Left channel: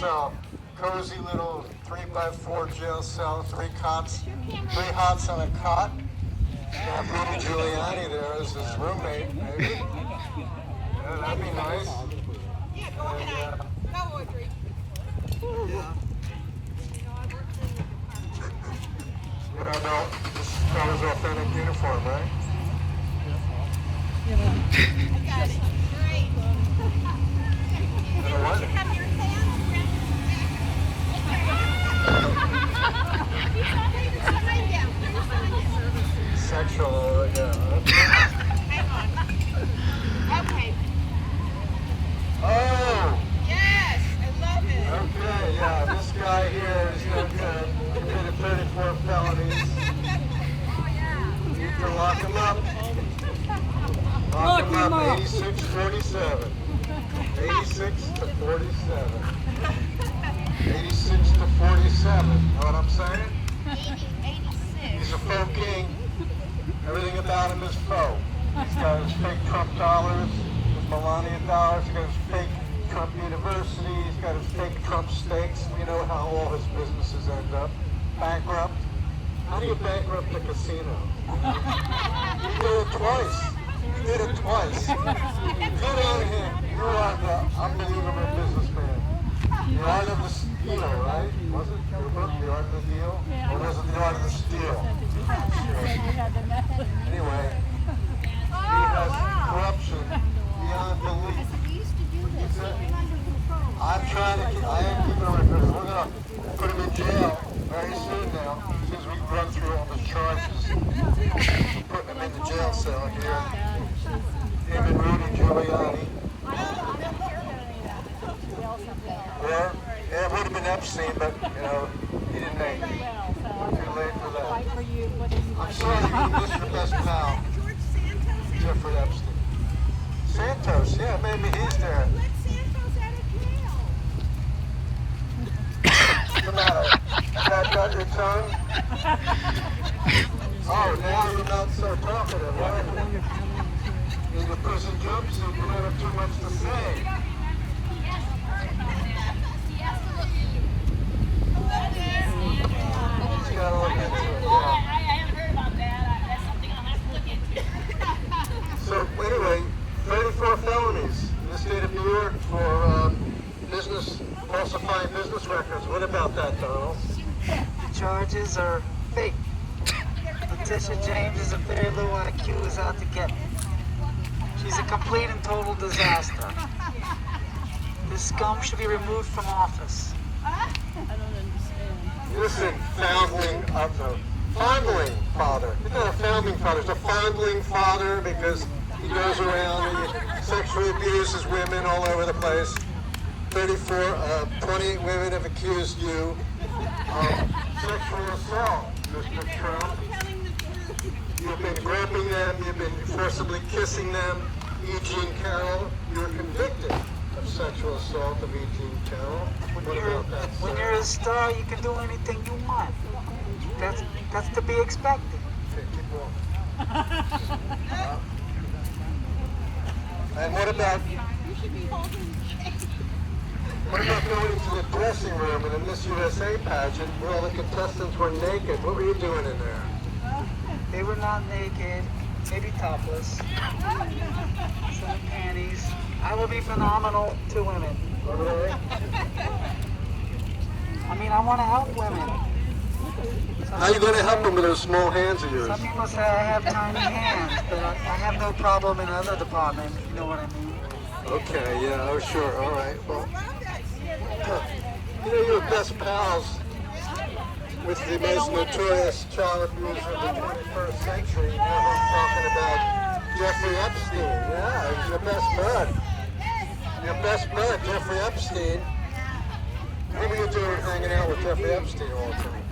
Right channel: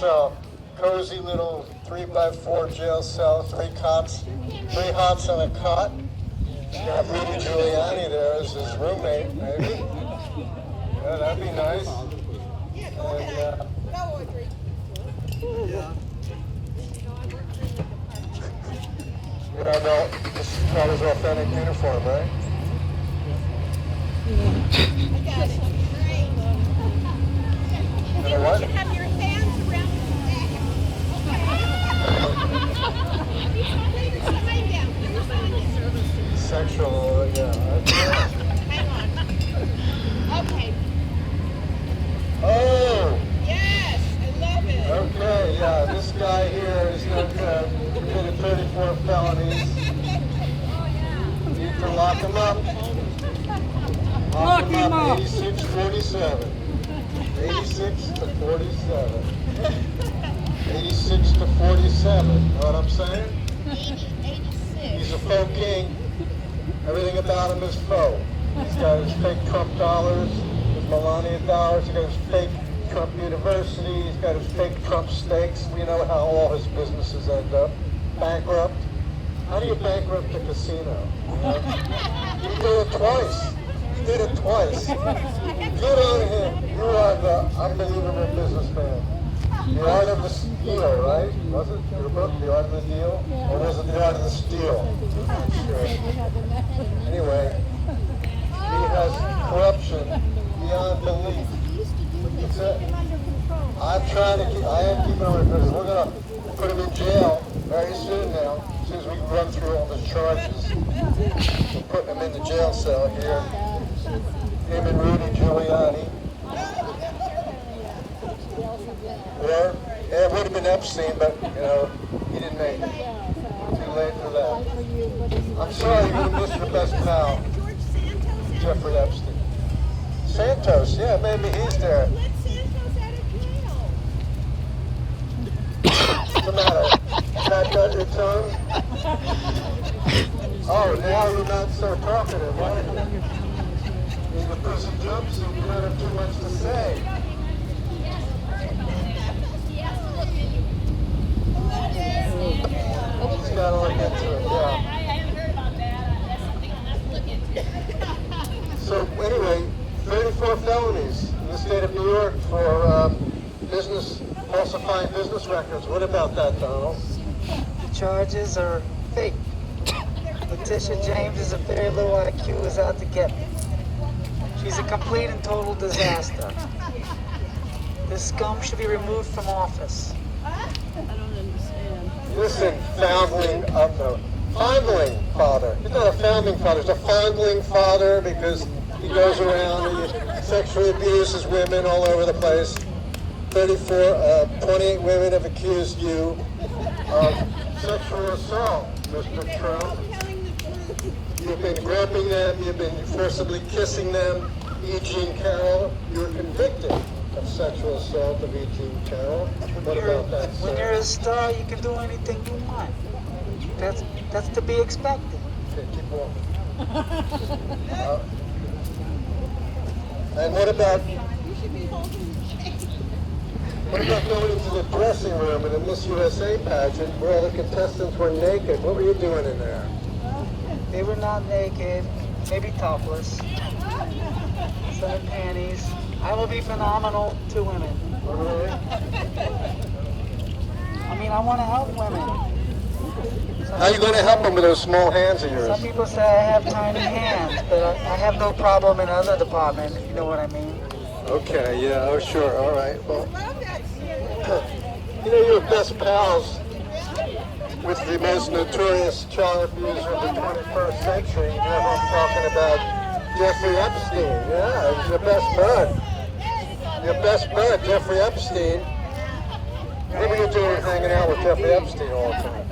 So, cozy little 3x4 jail cell, three cots, three hots on a cot. Got Rudy Giuliani there as his roommate, maybe. Yeah, that'd be nice. And, I know this color's authentic uniform, right? I got it. Great. You know what? You have your hands around his neck. Okay. Put your sign down. Put your sign down. Sexual, yeah. Hang on. Okay. Oh! Yes, I love it. Okay, yeah, this guy here is committed 34 felonies. Need to lock him up. Lock him up. 86-47. 86 to 47. 86 to 47. Know what I'm saying? 86. He's a faux king. Everything about him is faux. He's got his fake Trump dollars, his Melania dollars. He's got his fake Trump University. He's got his fake Trump stakes. We know how all his businesses end up. Bankrupt. How do you bankrupt a casino? You know? He did it twice. He did it twice. Good on him. You are the unbelievable businessman. The Art of the Steal, right? Was it your book, The Art of the Deal? Or was it The Art of the Steal? I'm not sure. Anyway, he has corruption beyond belief. What's that? I'm trying to keep, I am keeping him in prison. We're going to put him in jail very soon now, as soon as we run through all the charges. We're putting him in the jail cell here. Him and Rudy Giuliani. Or, yeah, it would have been Epstein, but, you know, he didn't make it. Too late for that. I'm sorry, you missed your best pal, Jeffrey Epstein. Santos, yeah, maybe he's there. Let Santos out of jail. What's the matter? Is that got your tongue? Oh, now you're not so talkative, right? In the prison jumpsuit, you might have too much to say. He's got to look into it, yeah. I haven't heard about that. That's something I'll have to look into. So anyway, 34 felonies in the state of New York for falsifying business records. What about that, Donald? The charges are fake. Letitia James is a very low IQ, is out to get me. She's a complete and total disaster. This scum should be removed from office. Listen, foundling father. He's not a founding father, he's a foundling father because he goes around and he sexually abuses women all over the place. 28 women have accused you of sexual assault, Mr. Trump. You've been grabbing them, you've been forcibly kissing them. E. Jean Carroll, you're convicted of sexual assault of E. Jean Carroll. What about that, When sir? you're a star, you can do anything you want. That's to be expected. Okay, keep walking. And what about going into the dressing room in the Miss USA pageant where all the contestants were naked? What were you doing in there? They were not naked, maybe topless. Some in panties. I will be phenomenal to women. Really? I mean, I want to help women. How are you going to help them with those small hands of yours? Some people say I have tiny hands, but I have no problem in other departments, if you know what I mean. Okay, yeah, oh sure, all right. Well, you know, you're best pals with the most notorious child abuser of the 21st century. You know who I'm talking about? Jeffrey Epstein. Yeah, he's your best bud. Your best bud, Jeffrey Epstein. What were you doing hanging out with Jeffrey Epstein all the time?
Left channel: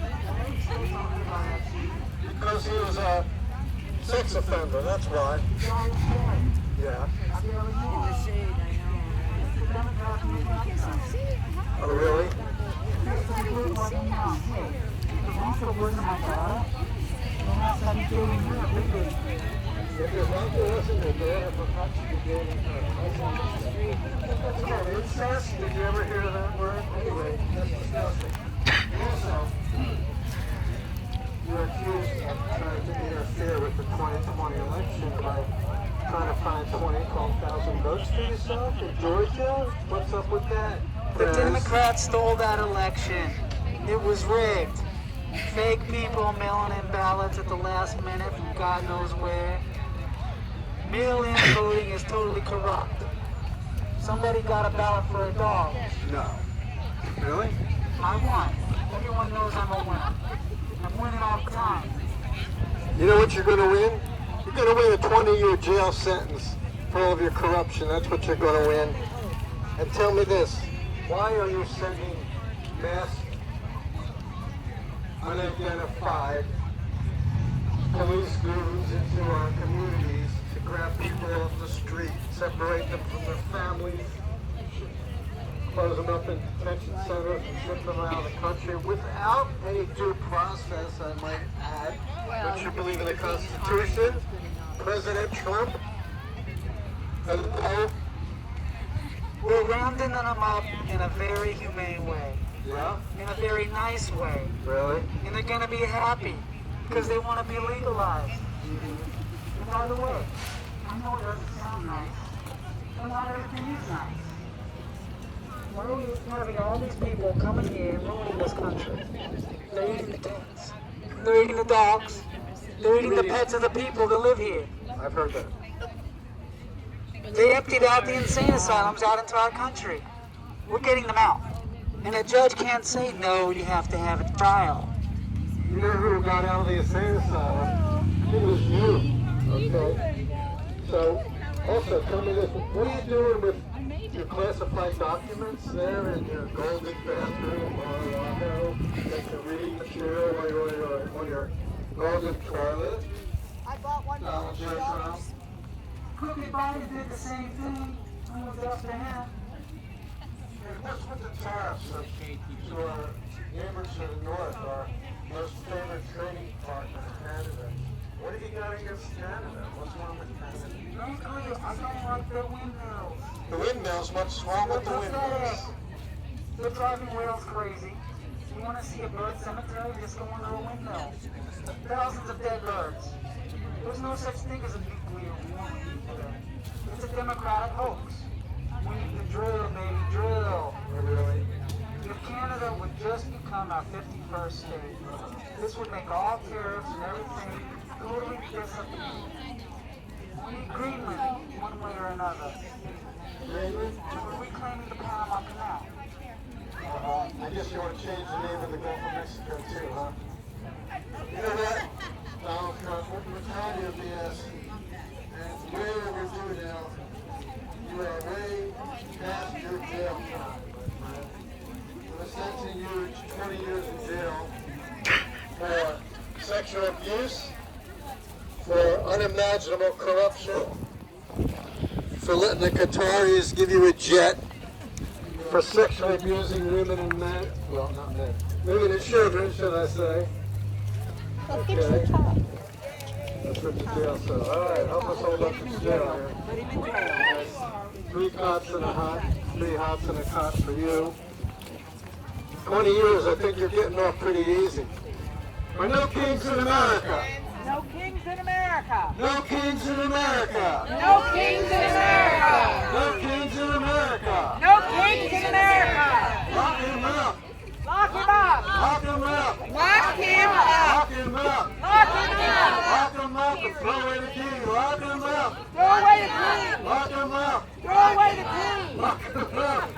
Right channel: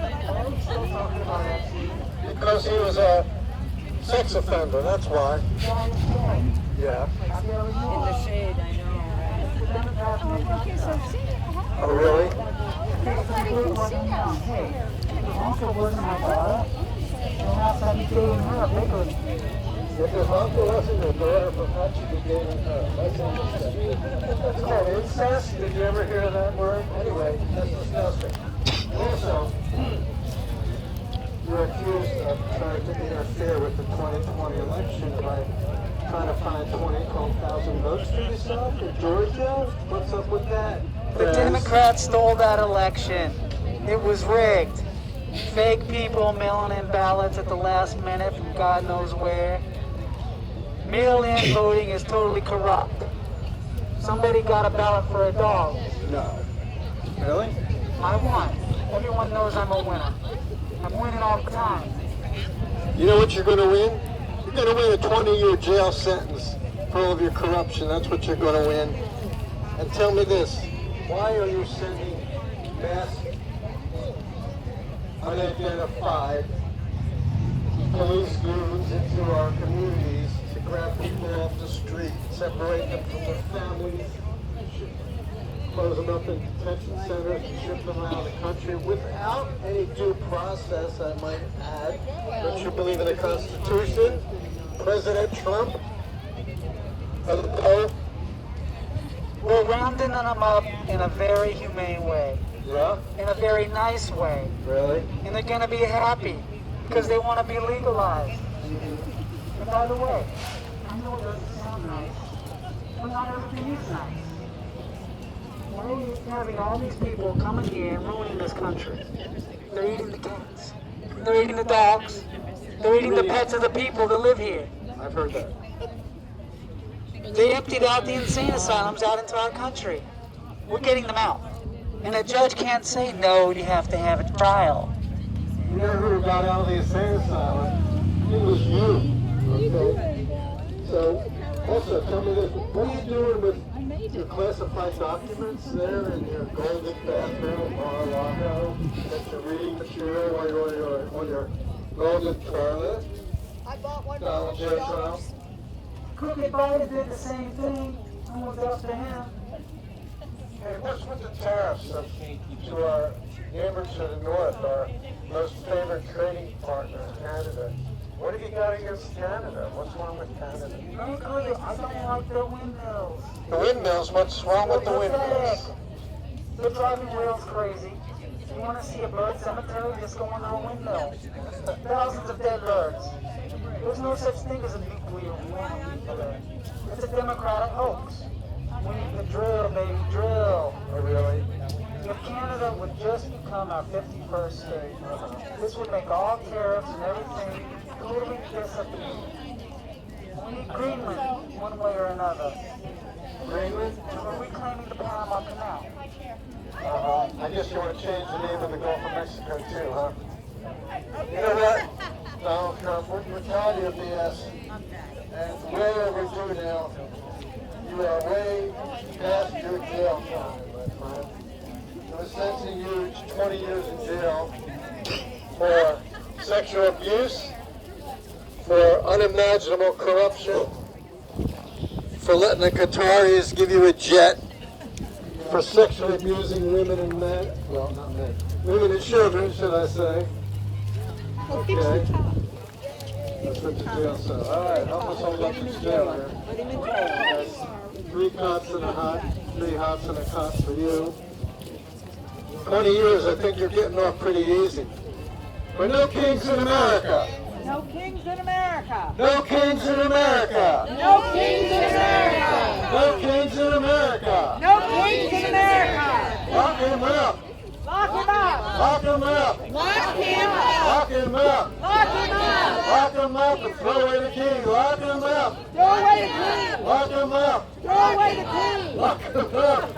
Because he was a sex offender, that's why. Yeah. In the shade, I know. Oh, really? If your uncle wasn't your daughter, perhaps you gave it her. That's interesting. That's called incest. Did you ever hear that word? Anyway, that's disgusting. Also, you're accused of trying to interfere with the 2020 election by trying to find 12,000 votes for yourself in Georgia. What's up with that? The Democrats stole that election. It was rigged. Fake people mailing in ballots at the last minute from God knows where. Mail-in voting is totally corrupt. Somebody got a ballot for a dog. No. Really? I won. Everyone knows I'm a winner. I'm winning all the time. You know what you're going to win? You're going to win a 20-year jail sentence for all of your corruption. That's what you're going to win. And tell me this, why are you sending mass unidentified police goons into our communities to grab people off the street, separate them from their families, close them up in detention centers and ship them around the country without any due process, I might add? Don't you believe in the Constitution? President Trump? And the Pope? We're rounding them up in a very humane way. Yeah? In a very nice way. Really? And they're going to be happy because they want to be legalized. And by the way, I know it doesn't sound nice, but not everything is nice. Why are you having all these people coming here and ruining this country? They're eating the cats. They're eating the dogs. They're eating the pets of the people that live here. I've heard that. They emptied out the insane asylums out into our country. We're getting them out. And a judge can't say, no, you have to have a trial. You know who got out of the insane asylum? It was you. Okay? So, also, tell me this. What are you doing with your classified documents there in your golden bathroom, Mar-a-Lago, that you're reading material on your golden toilet? Donald J. Trump? Crooked Biden did the same thing. Almost after him. Hey, what's with the tariffs to our neighbors to the north, our most favored trading partner, Canada? What have you got against Canada? What's wrong with Canada? I don't like the windmills. The windmills? What's wrong with the windmills? They're driving whales crazy. You want to see a bird cemetery? Just go on our windmill. Thousands of dead birds. There's no such thing as a nuclear war today. It's a democratic hoax. We need to drill, baby, drill. Oh, really? If Canada would just become our 51st state, this would make all tariffs and everything totally disappear. We need Greenland, one way or another. Greenland? We're reclaiming the Panama Canal. I guess you want to change the name of the Gulf of Mexico too, huh? You know what, Donald Trump, we're tired of your BS. And it's way overdue now. You are way past your jail time, my friend. We're sentencing you to 20 years in jail for sexual abuse, for unimaginable corruption, for letting the Qataris give you a jet, for sexually abusing women and men. Well, not men. Women and children, should I say. Okay. That's what the jail says. All right, help us hold up the jail here. Put him in jail. 3 cots and a hot, 3 hots and a cot for you. 20 years, I think you're getting off pretty easy. But no kings in America. No kings in America. No kings in America. No kings in America. No kings in America. No kings in America. Lock him up. Lock him up. Lock him up. Lock him up. Lock him up. Lock him up. Lock him up and throw away the key. Lock him up. Throw away the key. Lock him up. Throw away the key. Lock him up.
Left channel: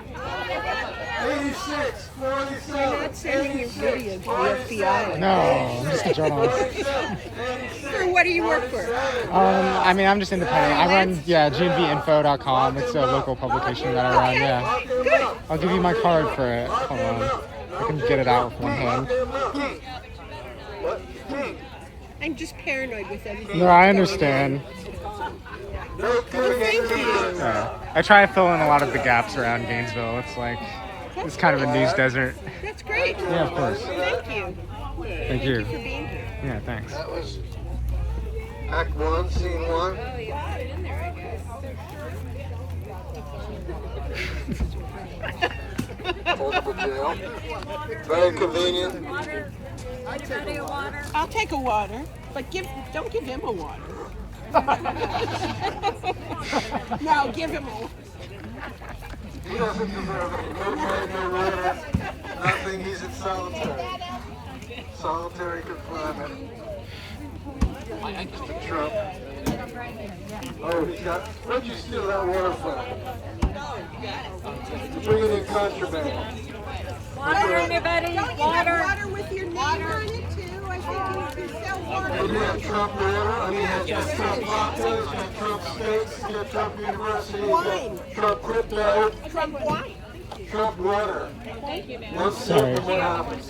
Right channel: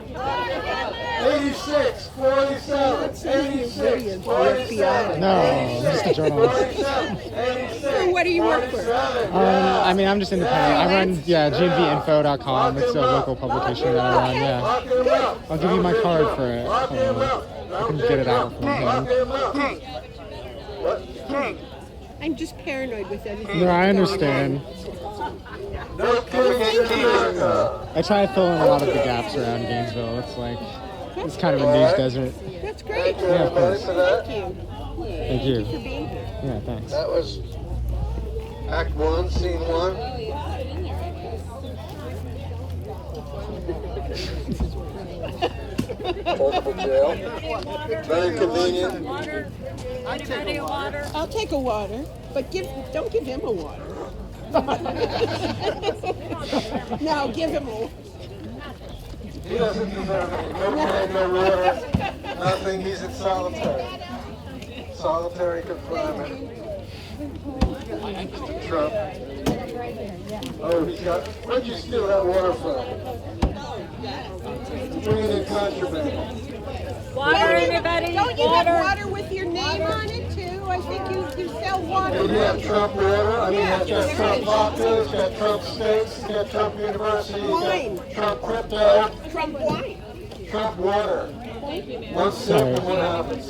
86, 47, 86, 47, No, Mr. Journalist. 86, What do you work for? I mean, I'm just independent. I run, GMVinfo.com. It's a local publication that I run, yeah. Lock him up. I'll give you my card for it. Hold on. I can get it out from Lock him. him up. King, I'm just paranoid with everything. No, I understand. No kings in America. I try to fill in a lot of the gaps around Gainesville. It's like, it's kind of a news desert. That's great. Yeah, of course. Thank you. Thank you. For being here. Yeah, thanks. That was Act 1, Scene 1. Multiple jail. Very convenient. I'll take a water, but don't give him a water. No, give him a water. He doesn't deserve it. No bread, no water, nothing. He's in solitary. Solitary confinement. Mr. Trump. Oh, he's got. Where'd you steal that water from? You're bringing in contraband. Water, anybody? Don't you have water with your name on it too? I think you sell water. Do you have Trump water? I mean, it's got Trump vodka, it's got Trump steaks, it's got Trump University, it's Wine. got Trump crypto, Trump wine. Trump water. Thank you, man. One sip and what happens?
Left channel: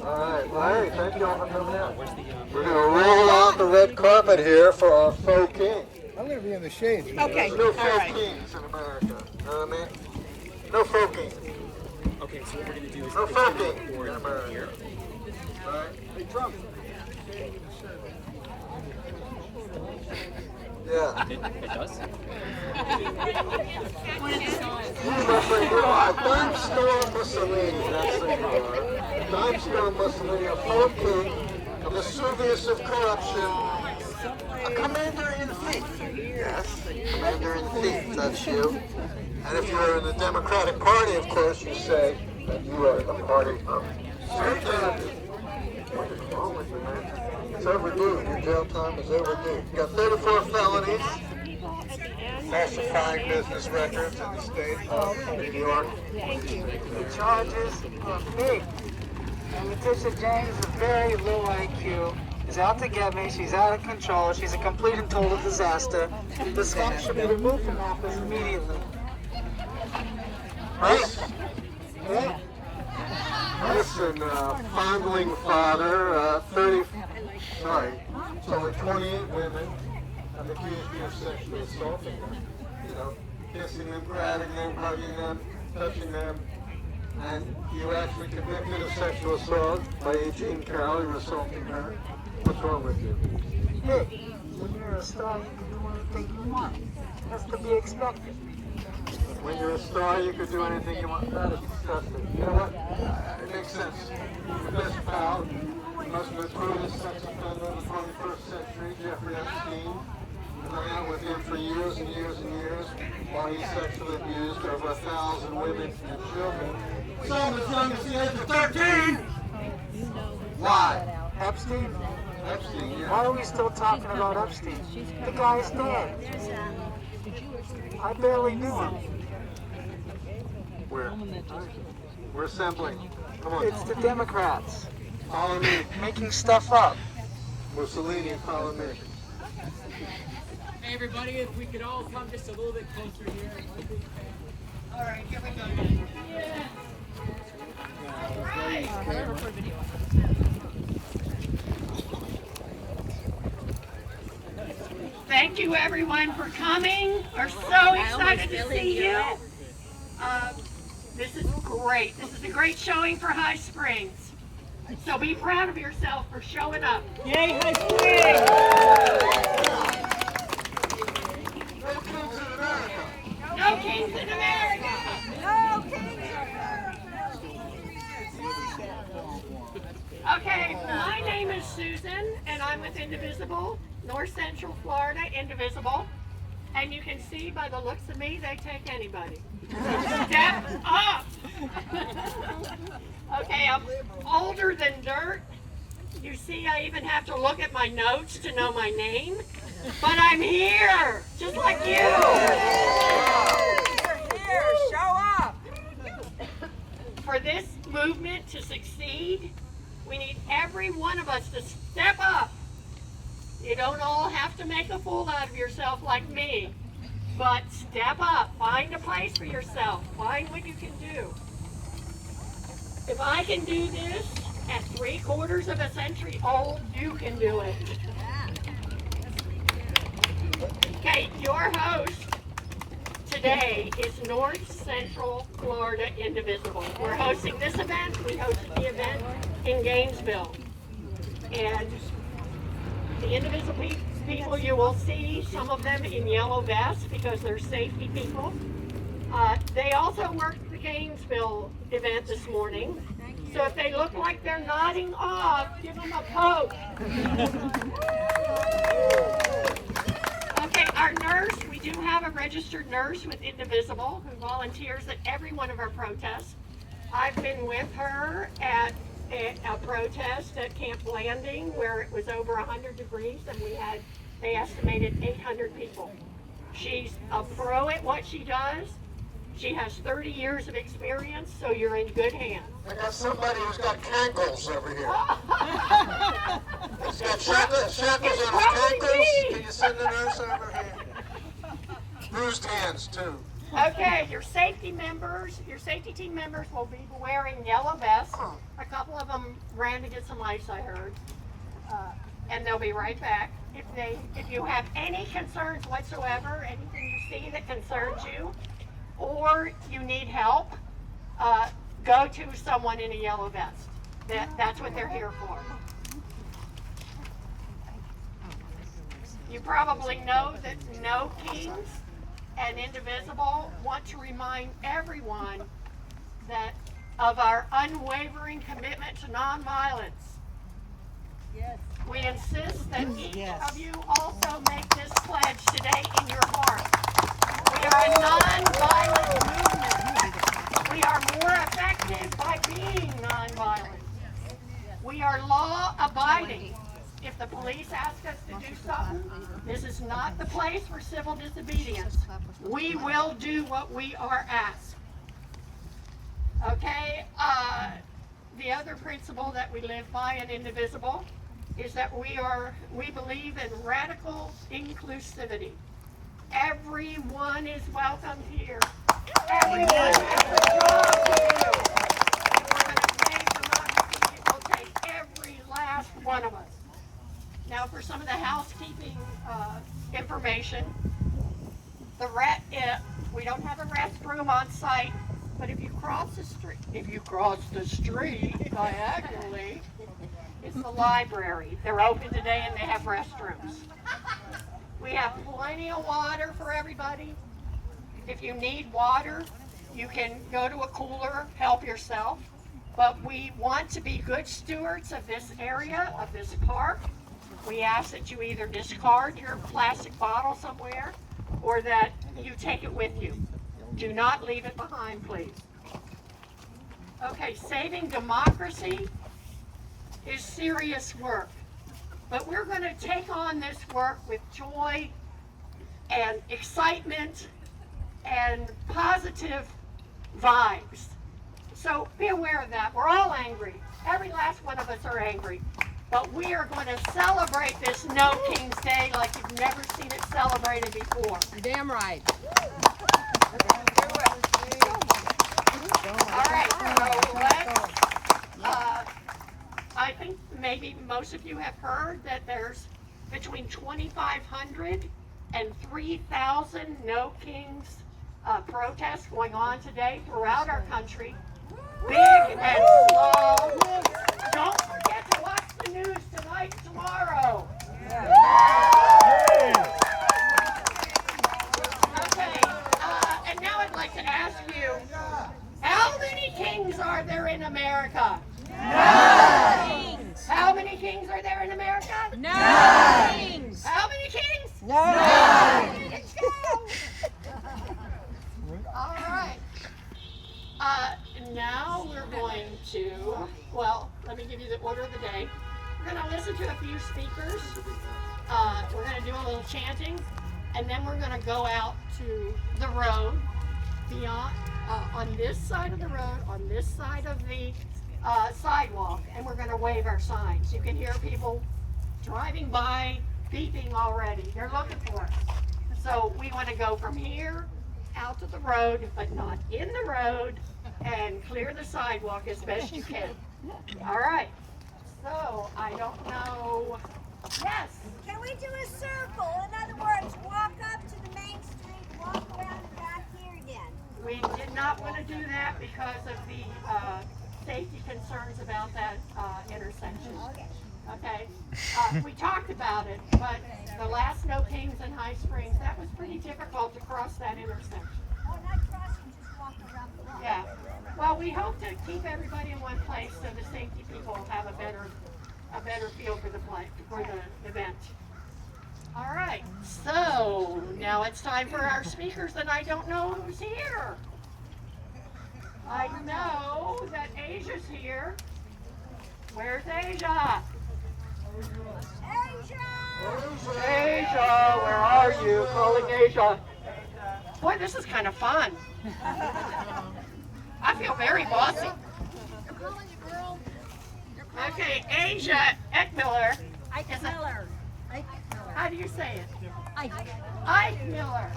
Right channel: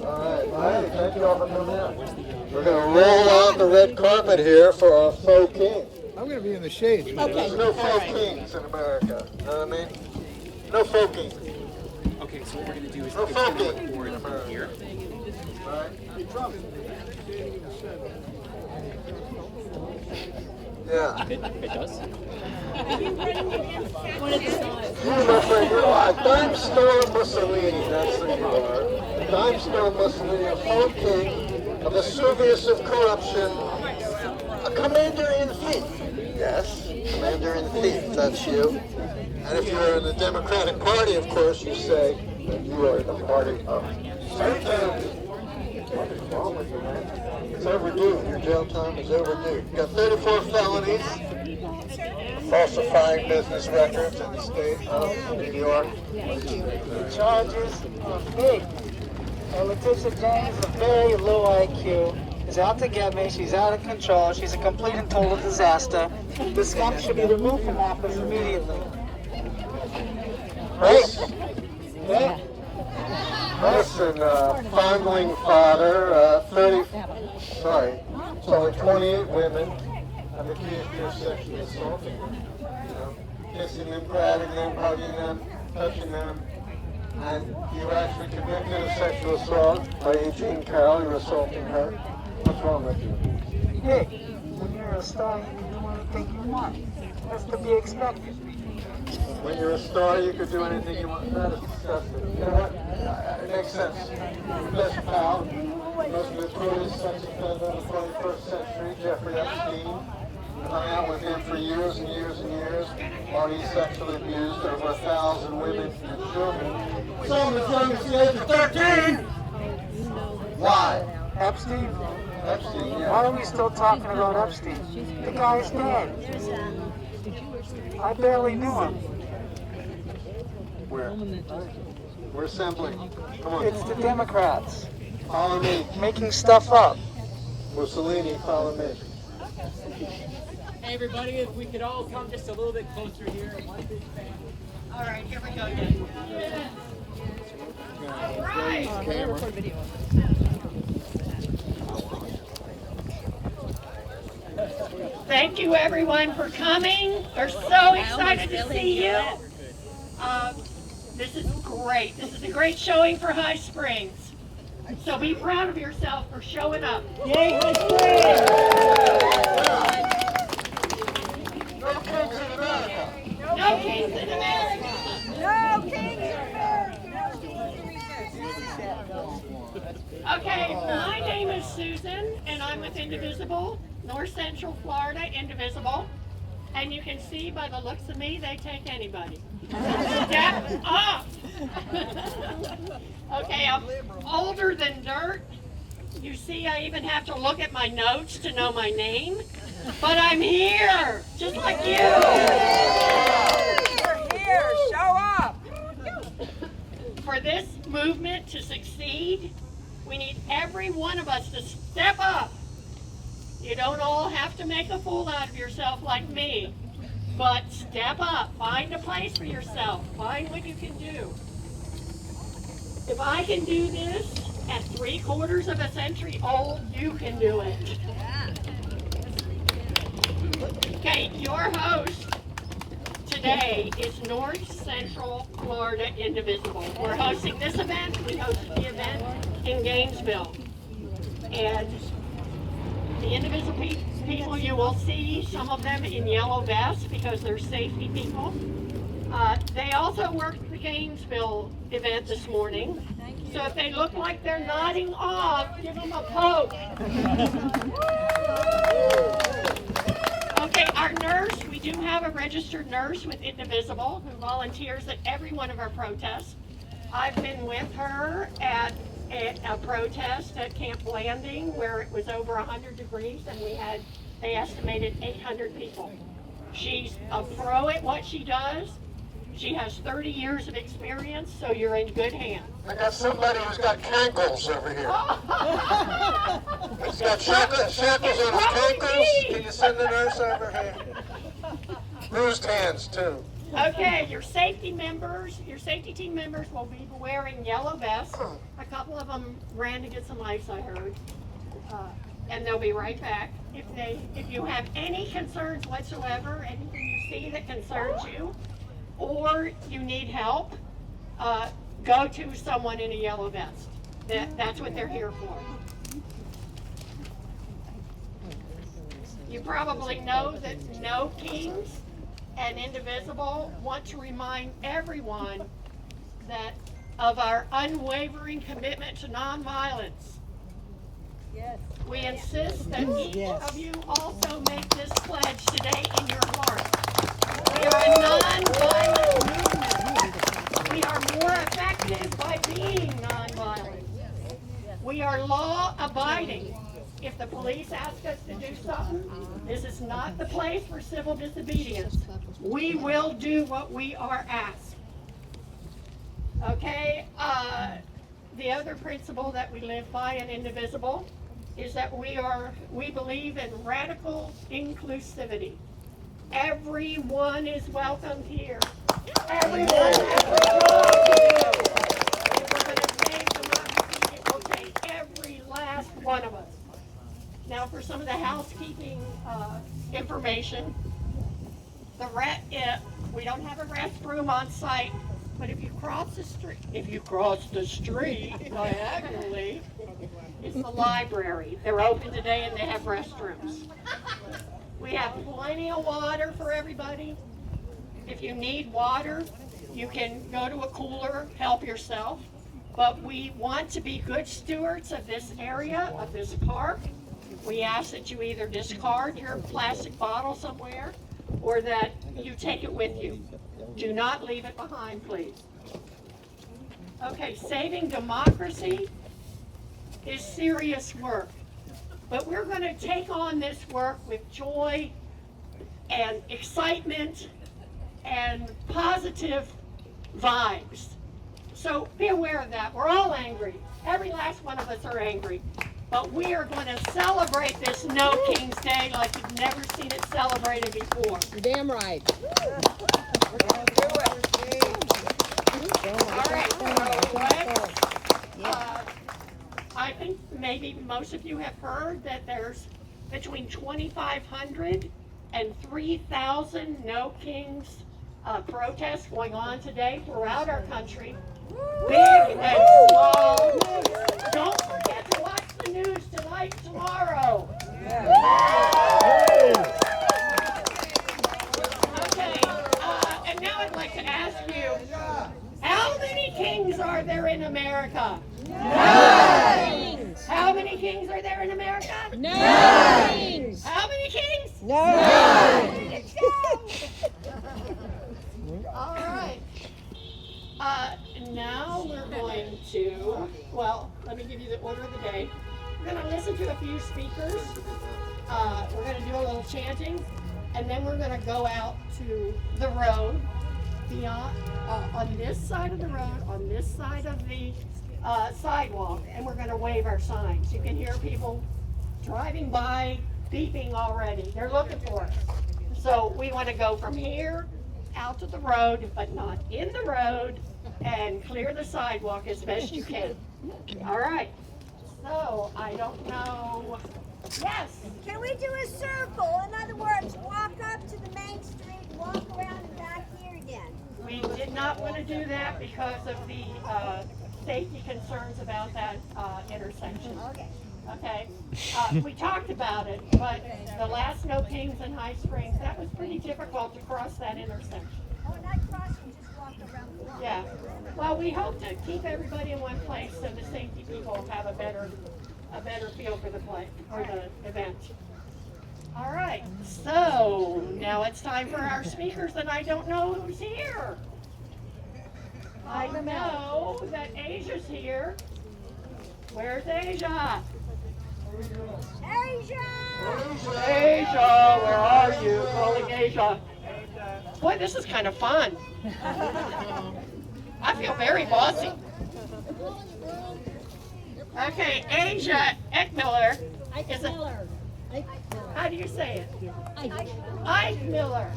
All right, Larry, thank you all for coming out. We're going to roll out the red carpet here for our faux king. I'm going to be in the shade. Okay, There's no all faux right. kings in America. You know what I mean? No faux king. Okay, so what we're going to do is No it's faux going to king record in America. here. All right. Hey, Trump. Yeah. It does? One of the signs. You, my friend, you're like Dime Store Mussolini. That's who you are. Dime Store Mussolini, a faux king, a Vesuvius of corruption, a commander-in-chief. Yes, commander-in-chief, that's you. And if you're in the Democratic Party, of course, you say that you are the party of Satan. What is wrong with you, man? It's overdue. Your jail time is overdue. You got 34 felonies. Falsifying business records in the state of New York. The charges are fake. And Letitia James, a very low IQ, is out to get me. She's out of control. She's a complete and total disaster. This guy should be removed from office immediately. Nice. Yeah. Nice and fondling father, 28 women have accused you of sexually assaulting them. You know, kissing them, grabbing them, hugging them, touching them. And you actually convicted of sexual assault by Eugene Carroll. You're assaulting her. What's wrong with you? Hey, when you're a star, you can do anything you want. That's to be expected. When you're a star, you could do anything you want. That is disgusting. You know what? It makes sense. Your best pal, the most notorious sex offender in the 21st century, Jeffrey Epstein, hung out with him for years and years and years while he sexually abused over 1,000 women and children. Some as young as the age of 13! Why? Epstein? Epstein, Why yeah. are we still talking about Epstein? The guy's dead. I barely knew him. Where? We're assembling. Come on. It's the Democrats Follow me. making stuff up. Mussolini, follow me. Hey, everybody, if we could all come just a little bit closer here. All right, here we go. Thank you, everyone, for coming. We're so excited to see you. This is great. This is a great showing for High Springs. So be proud of yourself for showing up. Yay, High Springs! No Kings in America. Okay, my name is Susan, and I'm with Indivisible, North Central Florida Indivisible. And you can see by the looks of me, they take anybody. Step up! Okay, I'm older than dirt. You see, I even have to look at my notes to know my name. But I'm here, just like you. Here, show up. For this movement to succeed, we need every one of us to step up. You don't all have to make a fool out of yourself like me, but step up. Find a place for yourself. Find what you can do. If I can do this at 3/4 of a century old, you can do it. Okay, your host today is North Central Florida Indivisible. We're hosting this event. We hosted the event in Gainesville. And the Indivisible people, you will see some of them in yellow vests because they're safety people. They also worked the Gainesville event this morning. So if they look like they're nodding off, give them a poke. Okay, our nurse, we do have a registered nurse with Indivisible who volunteers at every one of our protests. I've been with her at a protest at Camp Landing where it was over 100 degrees and they estimated 800 people. She's a pro at what she does. She has 30 years of experience, so you're in good hands. I got somebody who's got cankles over here. He's got shackles on his cankles. Can you send the nurse over here? Bruised hands, too. Okay, your safety team members will be wearing yellow vests. A couple of them ran to get some ice, I heard. And they'll be right back. If you have any concerns whatsoever, anything you see that concerns you, or you need help, go to someone in a yellow vest. That's what they're here for. You probably know that No Kings and Indivisible want to remind everyone that of our unwavering commitment to nonviolence. Yes. We insist that each of you also make this pledge today in your heart. We are a nonviolent movement. We are more effective by being nonviolent. We are law-abiding. If the police ask us to do something, this is not the place for civil disobedience. We will do what we are asked. Okay, the other principle that we live by in Indivisible is that we believe in radical inclusivity. Everyone is welcome here. Everyone has a job to do. If we're going to save democracy, it will take every last one of us. Now, for some of the housekeeping information, we don't have a restroom on site, but if you cross the street diagonally, it's the library. They're open today and they have restrooms. We have plenty of water for everybody. If you need water, you can go to a cooler, help yourself. But we want to be good stewards of this area, of this park. We ask that you either discard your plastic bottle somewhere or that you take it with you. Do not leave it behind, please. Okay, saving democracy is serious work. But we're going to take on this work with joy and excitement and positive vibes. So be aware of that. We're all angry. Every last one of us are angry. But we are going to celebrate this No Kings Day like you've never seen it celebrated before. Damn right. All right, so let's, I think maybe most of you have heard that there's between 2,500 and 3,000 No Kings protests going on today throughout our country. Big and small. Don't forget to watch the news tonight and tomorrow. Okay, and now I'd like to ask you, how many kings are there in America? None. How many kings are there in America? None. How many kings? None. All right. Now we're going to, well, let me give you the order of the day. We're going to listen to a few speakers. We're going to do a little chanting, and then we're going to go out to the road beyond, on this side of the road, on this side of the sidewalk, and we're going to wave our signs. You can hear people driving by, beeping already. They're looking for us. So we want to go from here out to the road, but not in the road, and clear the sidewalk as best you can. All right. So I don't know. Yes. Can we do a circle? In other words, walk up to the main street, walk around the back did not want to do that because of the safety concerns about that intersection. Okay, we talked about it, but the last No Kings in High Springs, that was pretty difficult to cross that intersection. Yeah, well, we hope to keep everybody in one place so the safety people have a better feel for the event. All right, so now it's time for our speakers, and I don't know who's here. I know that Asia's here. Where's Asia? Asia, where are you? Calling Asia. Boy, this is kind of fun. I feel very bossy. Okay, Asia Eckmiller. How do you say it? Ike Miller.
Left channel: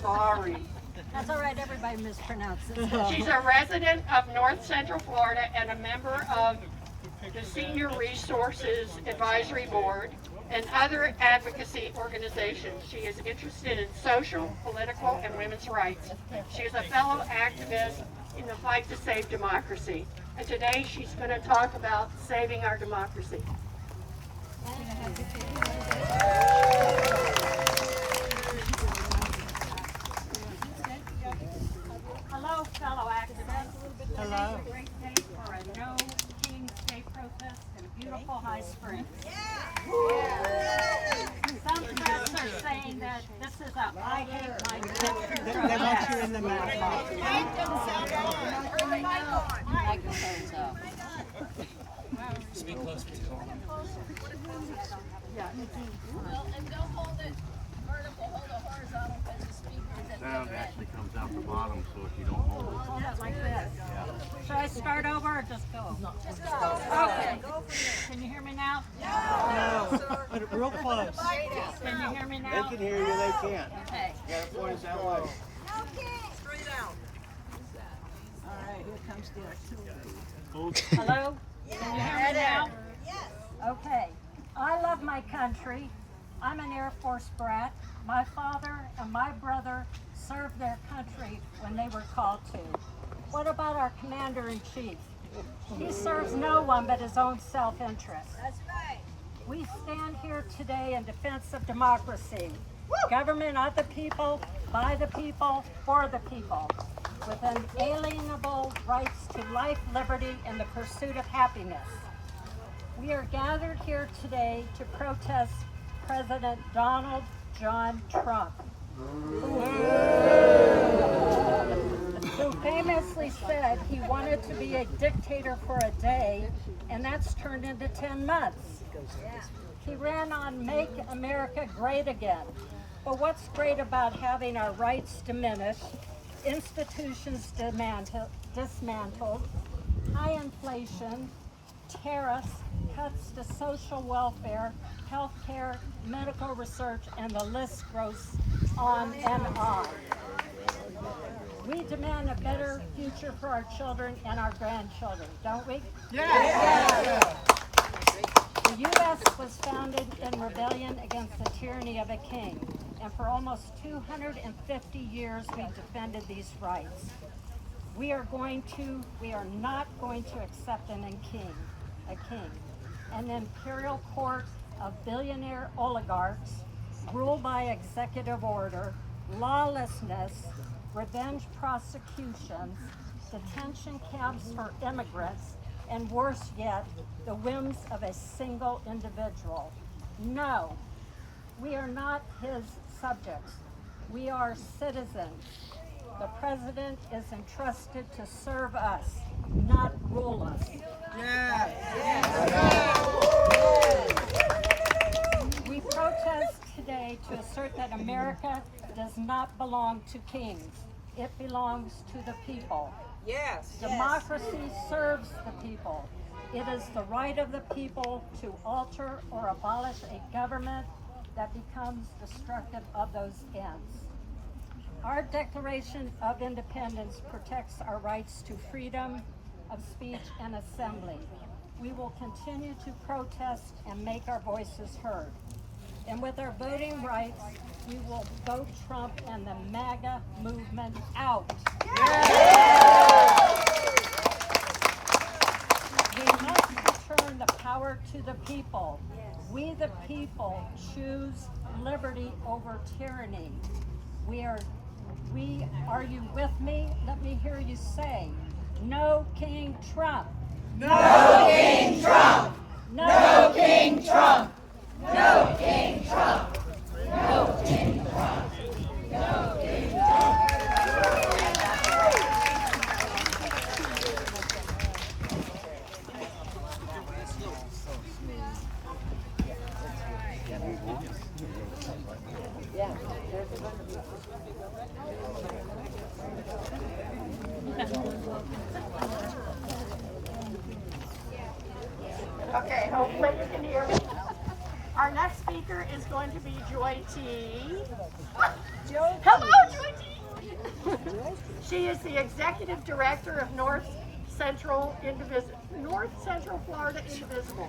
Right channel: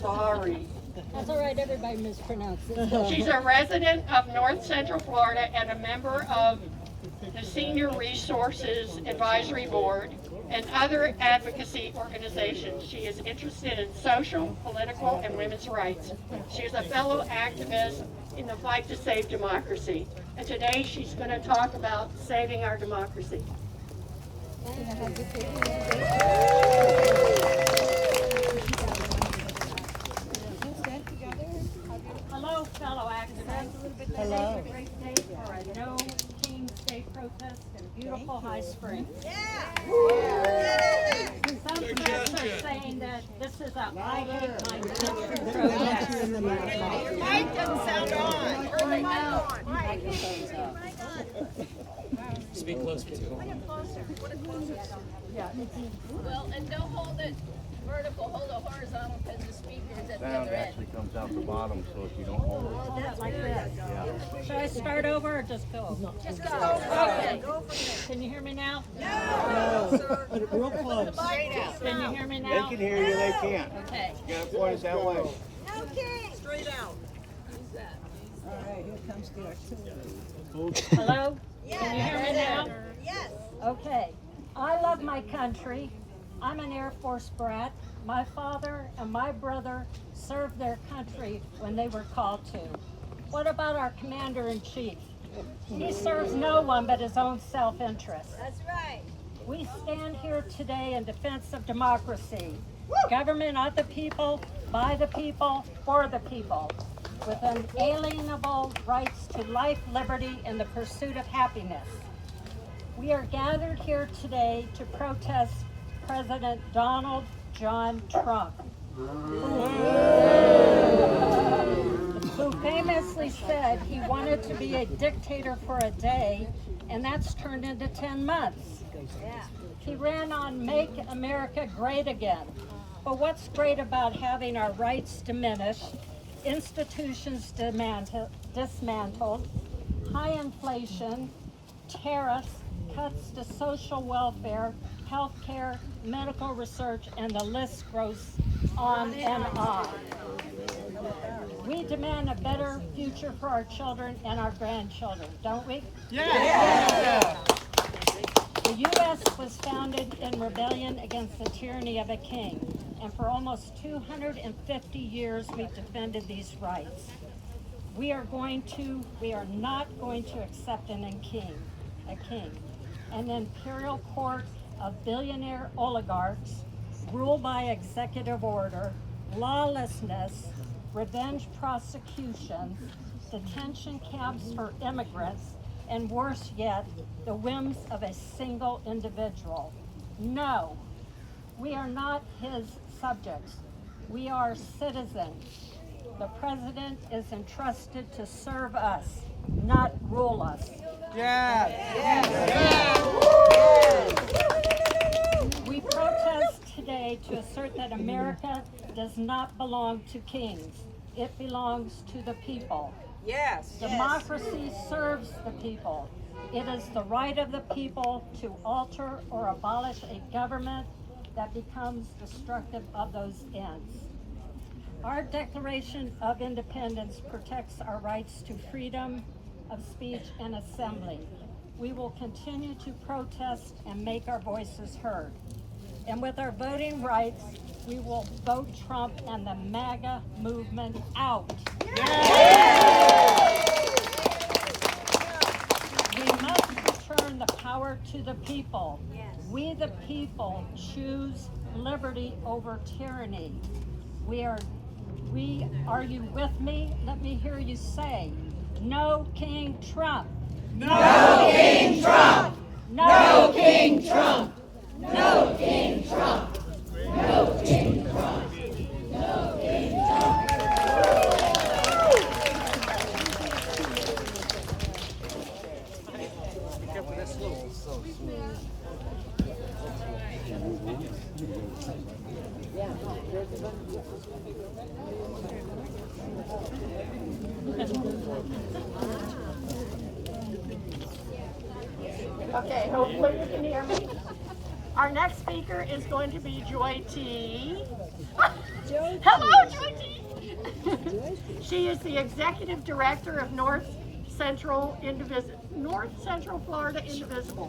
Sorry. That's all right, everybody mispronounces. She's a resident of North Central Florida and a member of the Senior Resources Advisory Board and other advocacy organizations. She is interested in social, political, and women's rights. She is a fellow activist in the fight to save democracy. And today she's going to talk about saving our democracy. Hello, fellow activists. Hello. It's a great day for a No Kings Day protest in beautiful High Springs. Some folks are saying that this is a I hate my country protest. Mike doesn't sound on. Turn the mic on. Microphone's up. Speak closer to it. Well, and don't hold it vertical, hold it horizontal because the speakers at the Sound other end. actually comes out the bottom, so if you don't hold it. Hold it like this. Should I start over or just go? Just go. Okay. Can you hear me now? Put it real close. Can you hear me They now? can hear you, they can't. Okay. You gotta point us that way. Okay. Straight out. Hello? Can you hear me now? Yes. Okay. I love my country. I'm an Air Force brat. My father and my brother served their country when they were called to. What about our commander-in-chief? He serves no one but his own self-interest. That's right. We stand here today in defense of democracy. Government of the people, by the people, for the people, with unalienable rights to life, liberty, and the pursuit of happiness. We are gathered here today to protest President Donald John Trump, who famously said he wanted to be a dictator for a day, and that's turned into 10 months. He ran on Make America Great Again. But what's great about having our rights diminished, institutions dismantled, high inflation, tariffs, cuts to social welfare, health care, medical research, and the list goes on and on. We demand a better future for our children and our grandchildren, don't we? Yeah. The U.S. was founded in rebellion against the tyranny of a king, and for almost 250 years we've defended these rights. We are not going to accept a king, an imperial court of billionaire oligarchs, ruled by executive order, lawlessness, revenge prosecutions, detention camps for immigrants, and worse yet, the whims of a single individual. No, we are not his subjects. We are citizens. The president is entrusted to serve us, not rule us. We protest today to assert that America does not belong to kings. It belongs to the people. Yes. Democracy serves the people. It is the right of the people to alter or abolish a government that becomes destructive of those ends. Our Declaration of Independence protects our rights to freedom of speech and assembly. We will continue to protest and make our voices heard. And with our voting rights, we will vote Trump and the MAGA movement out. people choose liberty over tyranny. Are you with me? Let me hear you say, no King Trump. No King Trump! No King Trump! No King Trump! No King Trump! No King Trump! Okay, hopefully you can hear me. Our next speaker is going to be Joy T. Hello, Joy T. She is the executive director of North Central Florida Indivisible.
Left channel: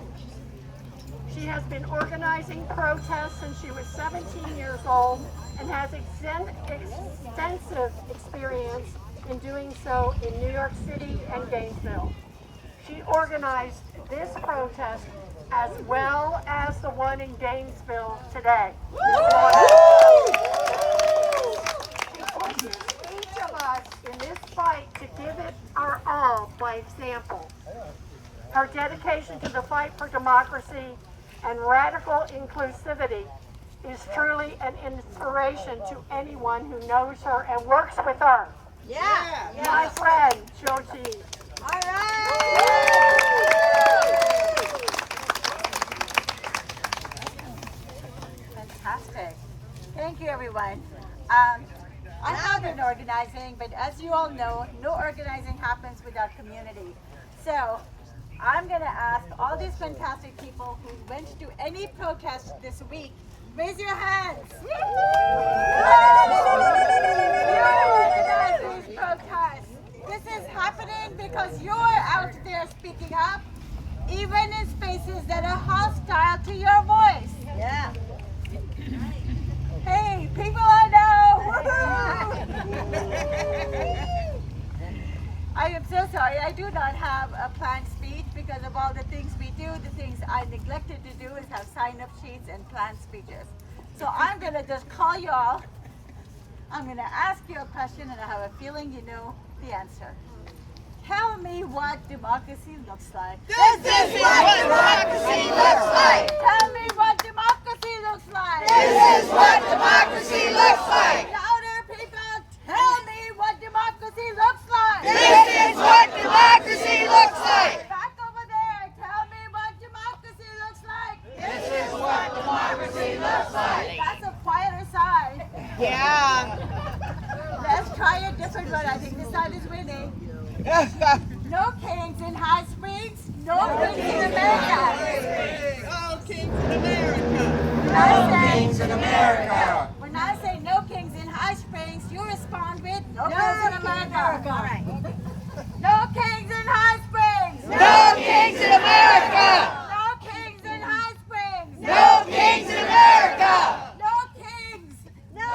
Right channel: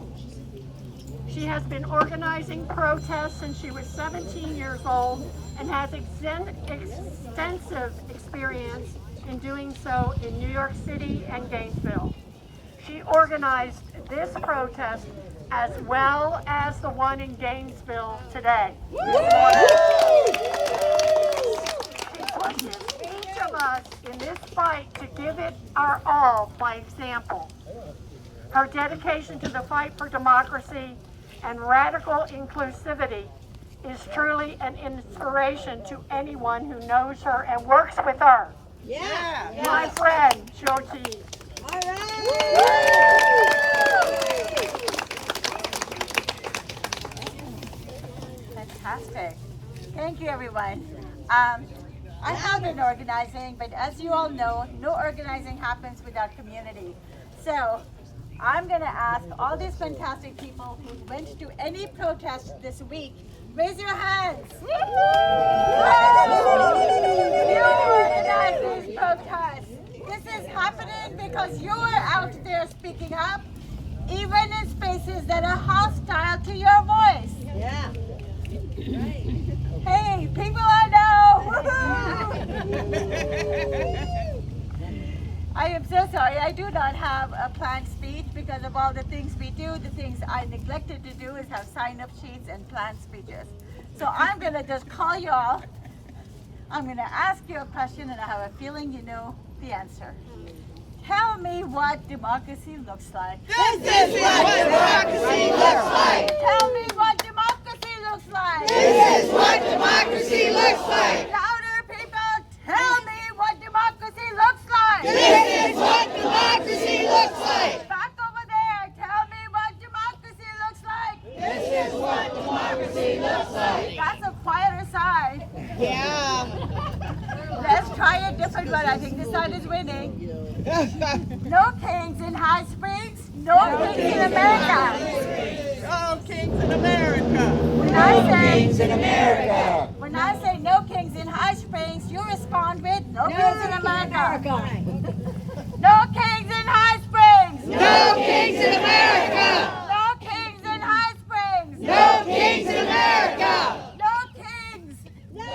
She has been organizing protests since she was 17 years old and has extensive experience in doing so in New York City and Gainesville. She organized this protest as well as the one in Gainesville today. She pushes each of us in this fight to give it our all by example. Her dedication to the fight for democracy and radical inclusivity is truly an inspiration to anyone who knows her and works with her. Yeah. My friend, Joy T. All right. Fantastic. Thank you, everyone. I have been organizing, but as you all know, no organizing happens without community. So I'm going to ask all these fantastic people who went to any protest this week, raise your hands. You organize these protests. This is happening because you're out there speaking up, even in spaces that are hostile to your voice. Yeah. Hey, people I know! I am so sorry. I do not have a planned speech because of all the things we do. The things I neglected to do is have sign-up sheets and planned speeches. So I'm going to just call you all. I'm going to ask you a question, and I have a feeling you know the answer. Tell me what democracy looks like. This is what democracy looks like! Tell me what democracy looks like. This is what democracy looks like! Louder, people, tell me what democracy looks like. This is what democracy looks like! Back over there, tell me what democracy looks like. This is what democracy looks like! That's a quieter side. Yeah. Let's try a different one. I think this side is winning. No kings in High Springs, no kings in America. Oh, kings in America! Kings in America! When I say no kings in High Springs, you respond with no kings in America. No kings in High Springs. No kings in America! No kings in High Springs. No kings in America! No kings. No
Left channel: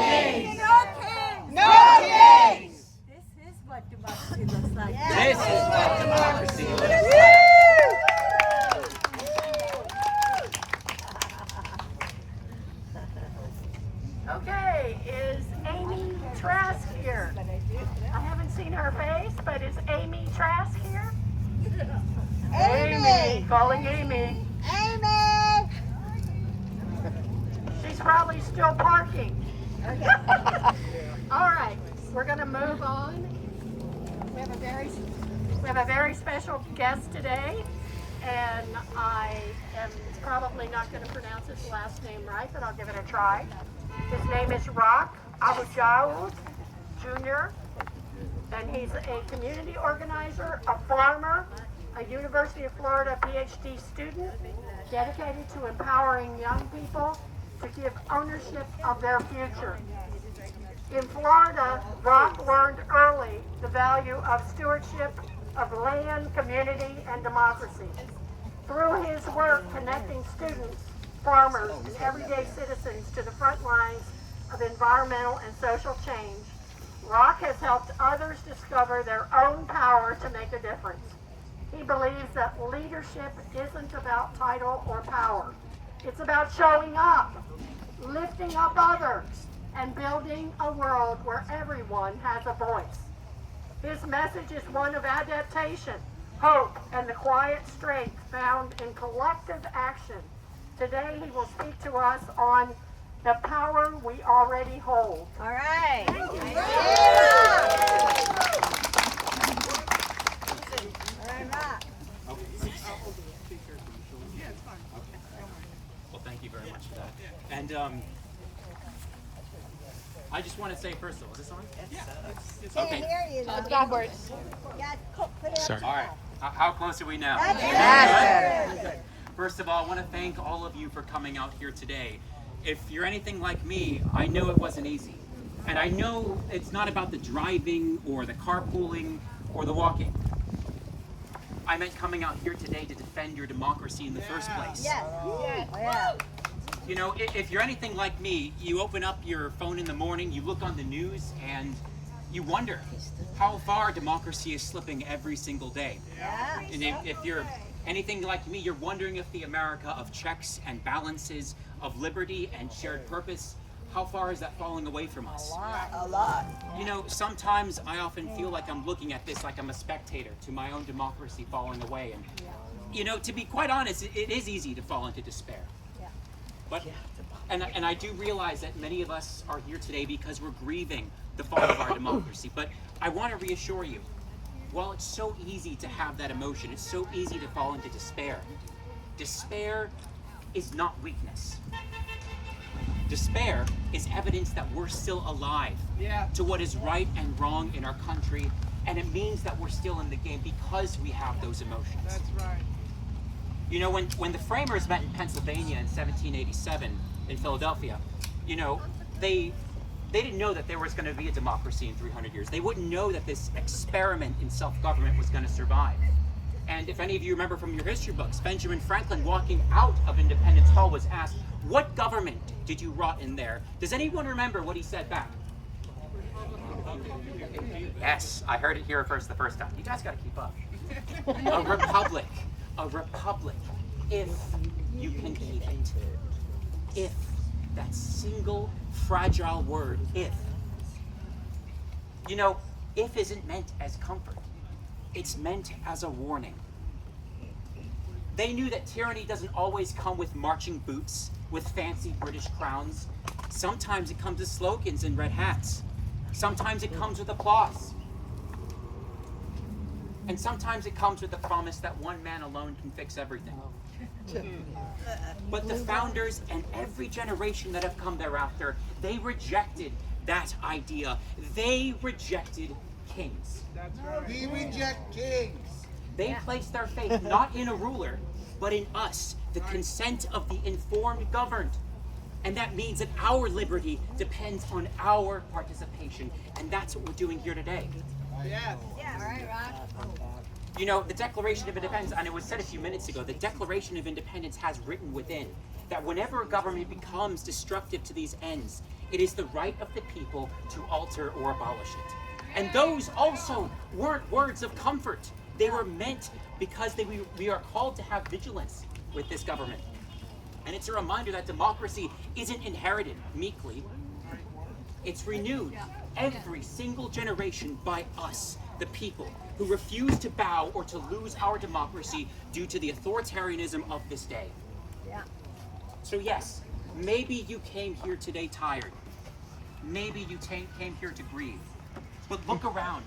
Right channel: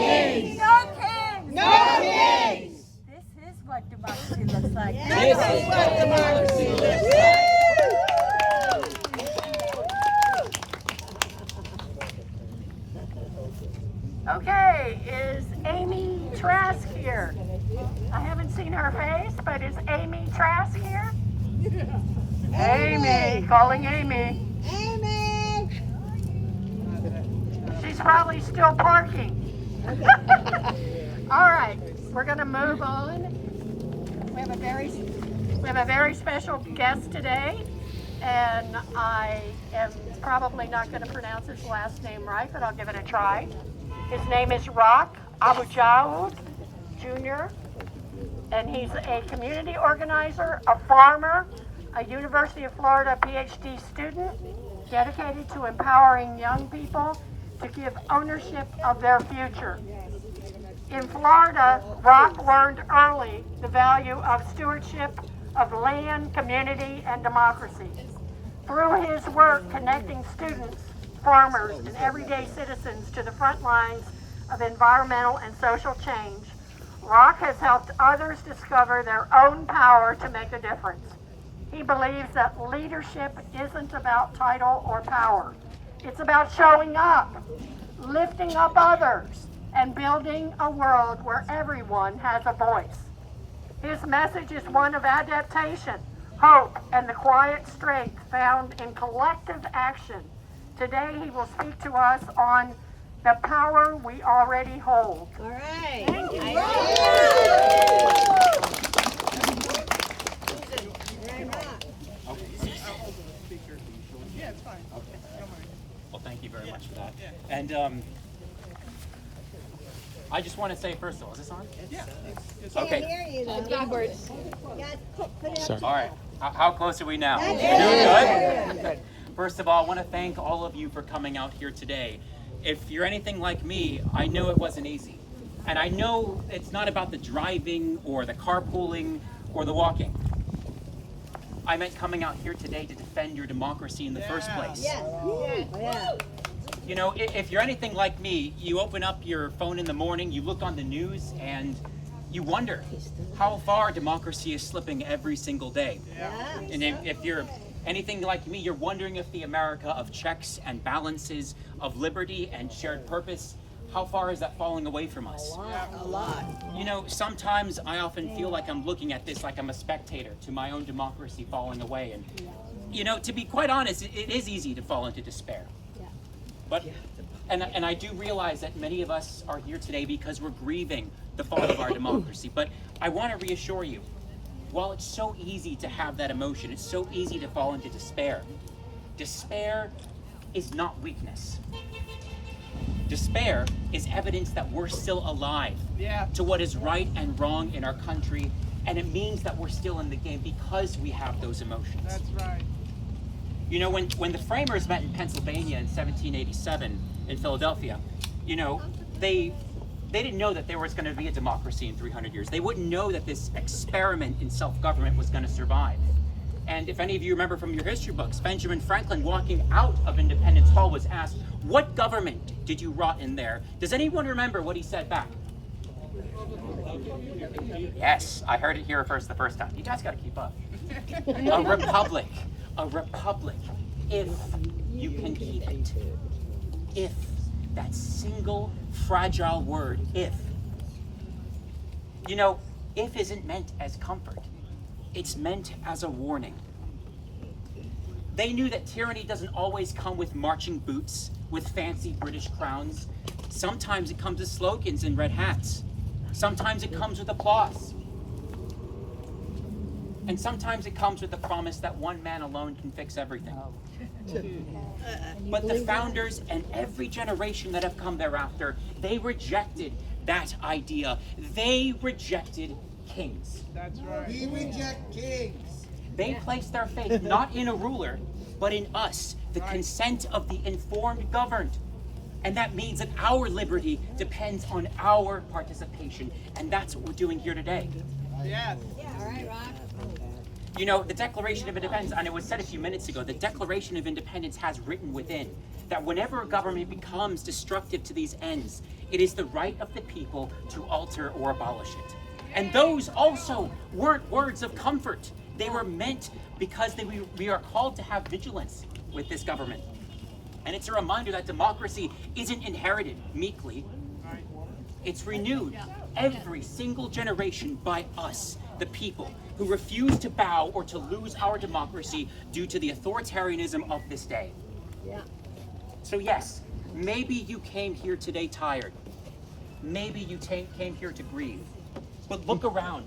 kings! No kings. No kings! This is what democracy looks like. This is what democracy looks like! Okay, is Amy Trask here? I haven't seen her face, but is Amy Trask here? Amy, calling Amy. Amy. She's probably still parking. All right, we're gonna move on. We have a very special guest today, and I am probably not going to pronounce his last name right, but I'll give it a try. His name is Rock Abujaoud Jr., and he's a community organizer, a farmer, a University of Florida PhD student, dedicated to empowering young people to give ownership of their future. In Florida, Rock learned early the value of stewardship of land, community, and democracy. Through his work connecting students, farmers, and everyday citizens to the front lines of environmental and social change, Rock has helped others discover their own power to make a difference. He believes that leadership isn't about title or power. It's about showing up, lifting up others, and building a world where everyone has a voice. His message is one of adaptation, hope, and the quiet strength found in collective action. Today he will speak to us on the power we already hold. All right. Thank you. Well, thank you very much for that. And I just want to say, first of all, is this on? Yeah. Okay. Backwards. Sorry. All right. How close are we now? Good? First of all, I want to thank all of you for coming out here today. If you're anything like me, I know it wasn't easy. And I know it's not about the driving or the carpooling or the walking. I meant coming out here today to defend your democracy in the first place. You know, if you're anything like me, you open up your phone in the morning, you look on the news, and you wonder how far democracy is slipping every single day. And if you're anything like me, you're wondering if the America of checks and balances, of liberty and shared purpose, how far is that falling away from us? A lot. You know, sometimes I often feel like I'm looking at this like I'm a spectator to my own democracy falling away. And, you know, to be quite honest, it is easy to fall into despair. But, and I do realize that many of us are here today because we're grieving the fall of our democracy. But I want to reassure you, while it's so easy to have that emotion, it's so easy to fall into despair. Despair is not weakness. Despair is evidence that we're still alive to what is right and wrong in our country, and it means that we're still in the game because we have those emotions. That's right. You know, when the framers met in Pennsylvania in 1787 in Philadelphia, you know, they didn't know that there was going to be a democracy in 300 years. They wouldn't know that this experiment in self-government was going to survive. And if any of you remember from your history books, Benjamin Franklin, walking out of Independence Hall, was asked, "What government did you rot in there?" Does anyone remember what he said back? Yes, I heard it here first the first time. You guys got to keep up. A republic. A republic. If you can keep it. If. That single fragile word, if. You know, if isn't meant as comfort. It's meant as a warning. They knew that tyranny doesn't always come with marching boots, with fancy British crowns. Sometimes it comes with slogans and red hats. Sometimes it comes with applause. And sometimes it comes with the promise that one man alone can fix everything. But the founders and every generation that have come thereafter, they rejected that idea. They rejected kings. That's right. We reject kings. They placed their faith not in a ruler, but in us, the consent of the informed governed. And that means that our liberty depends on our participation. And that's what we're doing here today. Yeah. Yeah, right, Rock. You know, the Declaration of Independence, and it was said a few minutes ago, the Declaration of Independence has written within that whenever a government becomes destructive to these ends, it is the right of the people to alter or abolish it. And those also weren't words of comfort. They were meant because we are called to have vigilance with this government. And it's a reminder that democracy isn't inherited meekly. It's renewed every single generation by us, the people, who refuse to bow or to lose our democracy due to the authoritarianism of this day. Yeah. So yes, maybe you came here today tired. Maybe you came here to grieve. But look around.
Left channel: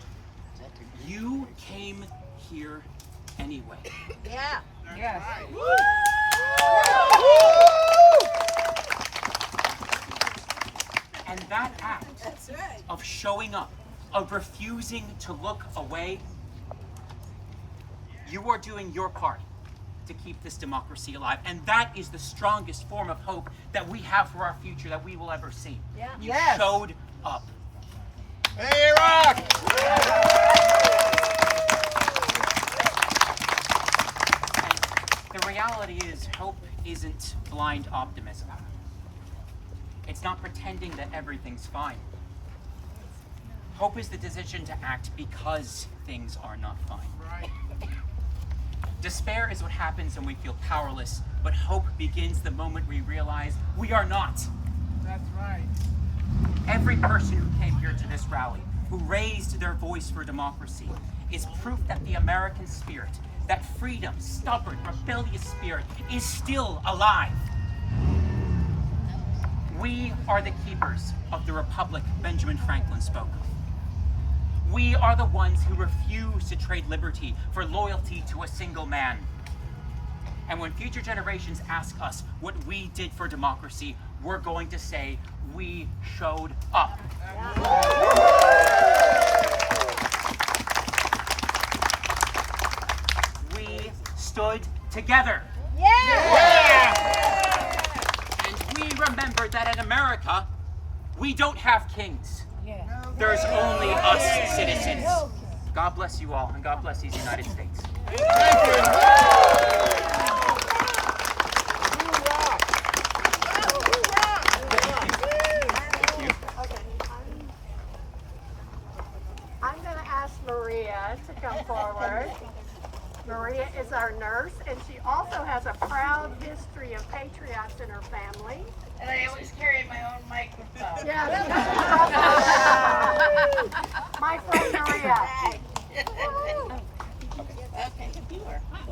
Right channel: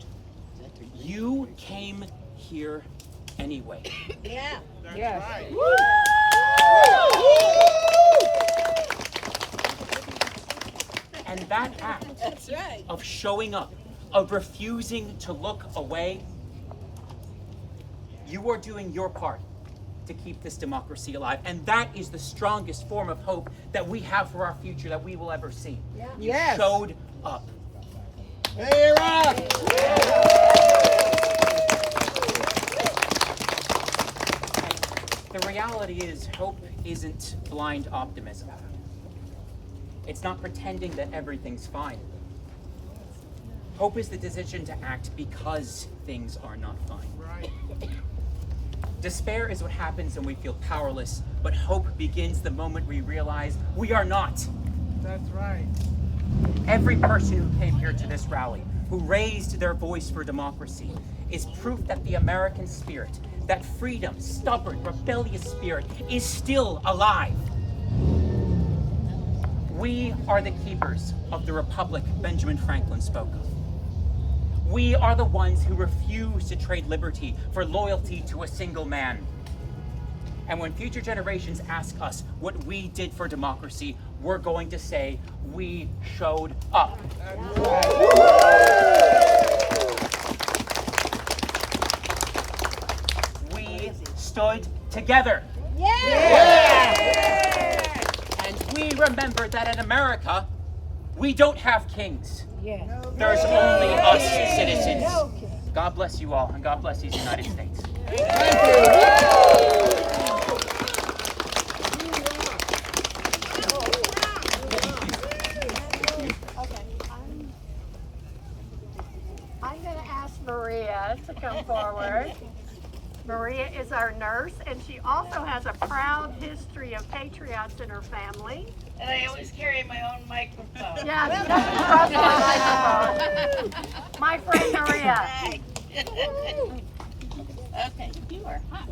You came here anyway. Yeah. Yes. And that act of showing up, of refusing to look away, you are doing your part to keep this democracy alive. And that is the strongest form of hope that we have for our future that we will ever see. Yeah. You showed up. Hey, Rock! And the reality is, hope isn't blind optimism. It's not pretending that everything's fine. Hope is the decision to act because things are not fine. Right. Despair is what happens when we feel powerless, but hope begins the moment we realize we are not. That's right. Every person who came here to this rally, who raised their voice for democracy, is proof that the American spirit, that freedom, stubborn, rebellious spirit, is still alive. We are the keepers of the republic Benjamin Franklin spoke of. We are the ones who refuse to trade liberty for loyalty to a single man. And when future generations ask us what we did for democracy, we're going to say, we showed up. We stood together. And we remember that in America, we don't have kings. There's only us citizens. God bless you all, and God bless these United States. I'm going to ask Maria to come forward. Maria is our nurse, and she also has a proud history of patriots in her family. And I always carry my own microphone. Yeah, she doesn't trust my microphone. My friend Maria. Okay, you are hot.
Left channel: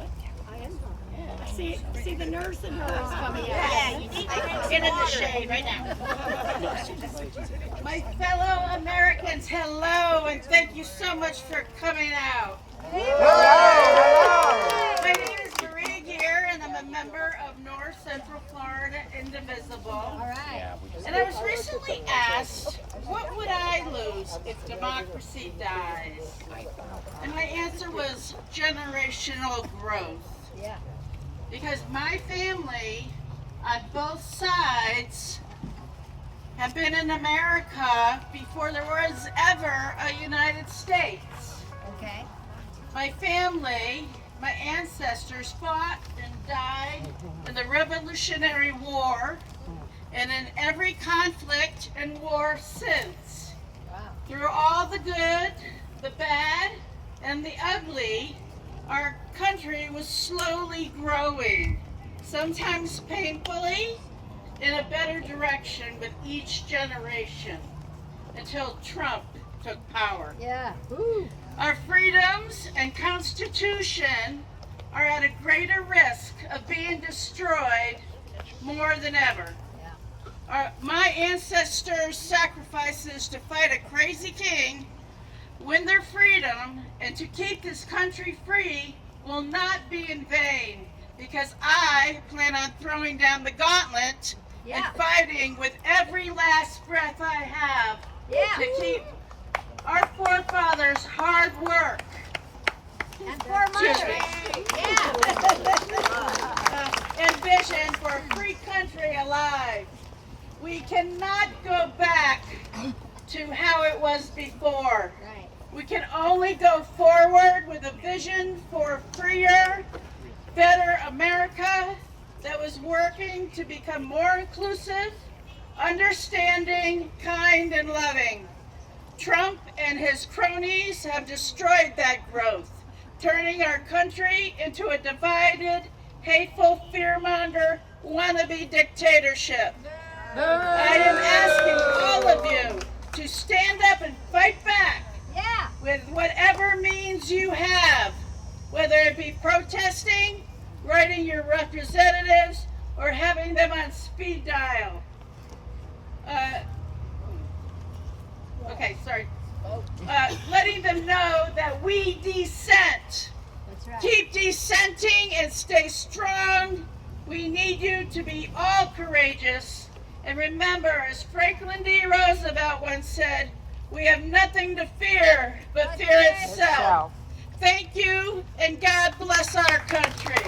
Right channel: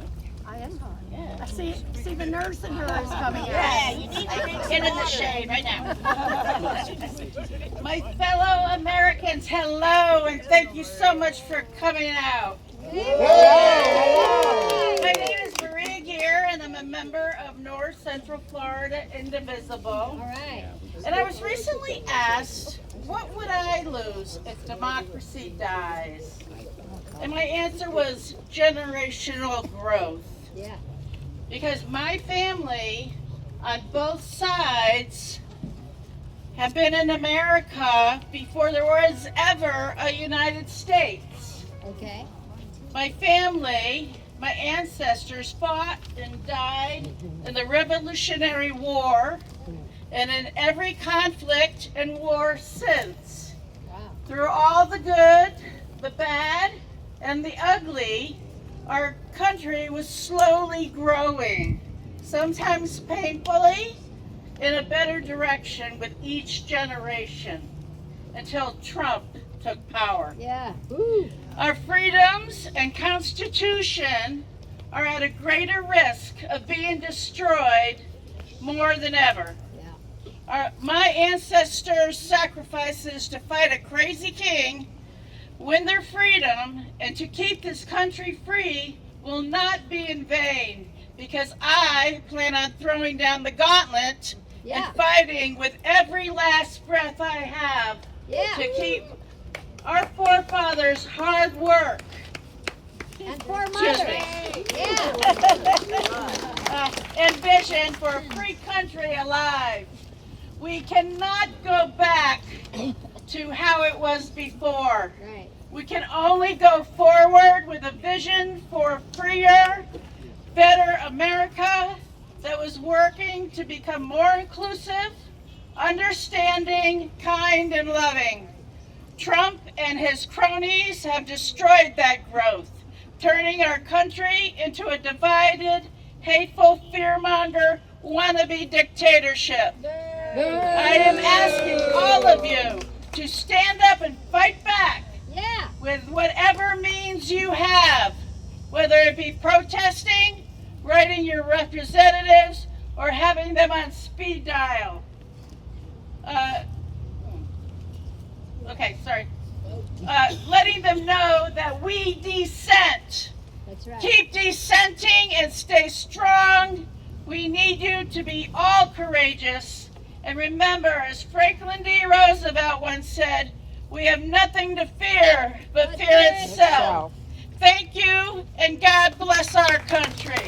I am hot. See the nurse in her is coming out. Get in the shade right now. My fellow Americans, hello, and thank you so much for coming out. My name is Maria Gear, and I'm a member of North Central Florida Indivisible. All right. And I was recently asked, what would I lose if democracy dies? And my answer was generational growth. Yeah. Because my family on both sides have been in America before there was ever a United States. Okay. My family, my ancestors fought and died in the Revolutionary War and in every conflict and war since. Through all the good, the bad, and the ugly, our country was slowly growing, sometimes painfully, in a better direction with each generation, until Trump took power. Yeah. Ooh. Our freedoms and Constitution are at a greater risk of being destroyed more than ever. My ancestors' sacrifices to fight a crazy king, win their freedom, and to keep this country free will not be in vain, because I plan on throwing down the gauntlet and fighting with every last breath I have to keep our forefathers' hard work. And vision for a free country alive. We cannot go back to how it was before. We can only go forward with a vision for a freer, better America that was working to become more inclusive, understanding, kind, and loving. Trump and his cronies have destroyed that growth, turning our country into a divided, hateful, fearmonger, wannabe dictatorship. I am asking all of you to stand up and fight back with whatever means you have, whether it be protesting, writing your representatives, or having them on speed dial. Letting them know that we dissent. That's right. Keep dissenting and stay strong. We need you to be all courageous. And remember, as Franklin D. Roosevelt once said, we have nothing to fear but fear itself. Thank you, and God bless our country.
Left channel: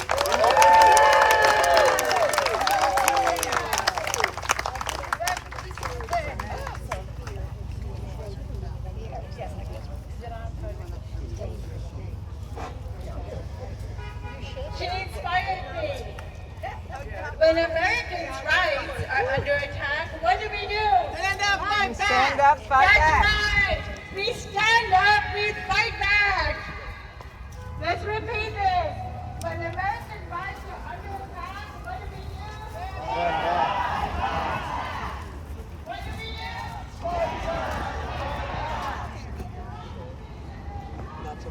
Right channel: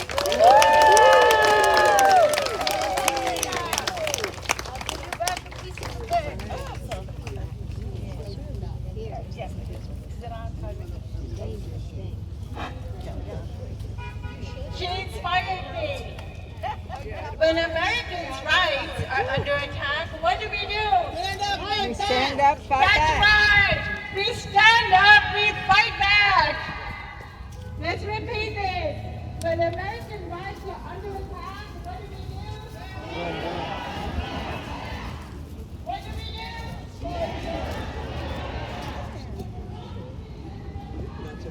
She inspired me. When Americans' rights are under attack, what do? Stand up, fight back. Stand up, fight back. That's right. We stand up, we fight back. Let's repeat this. When We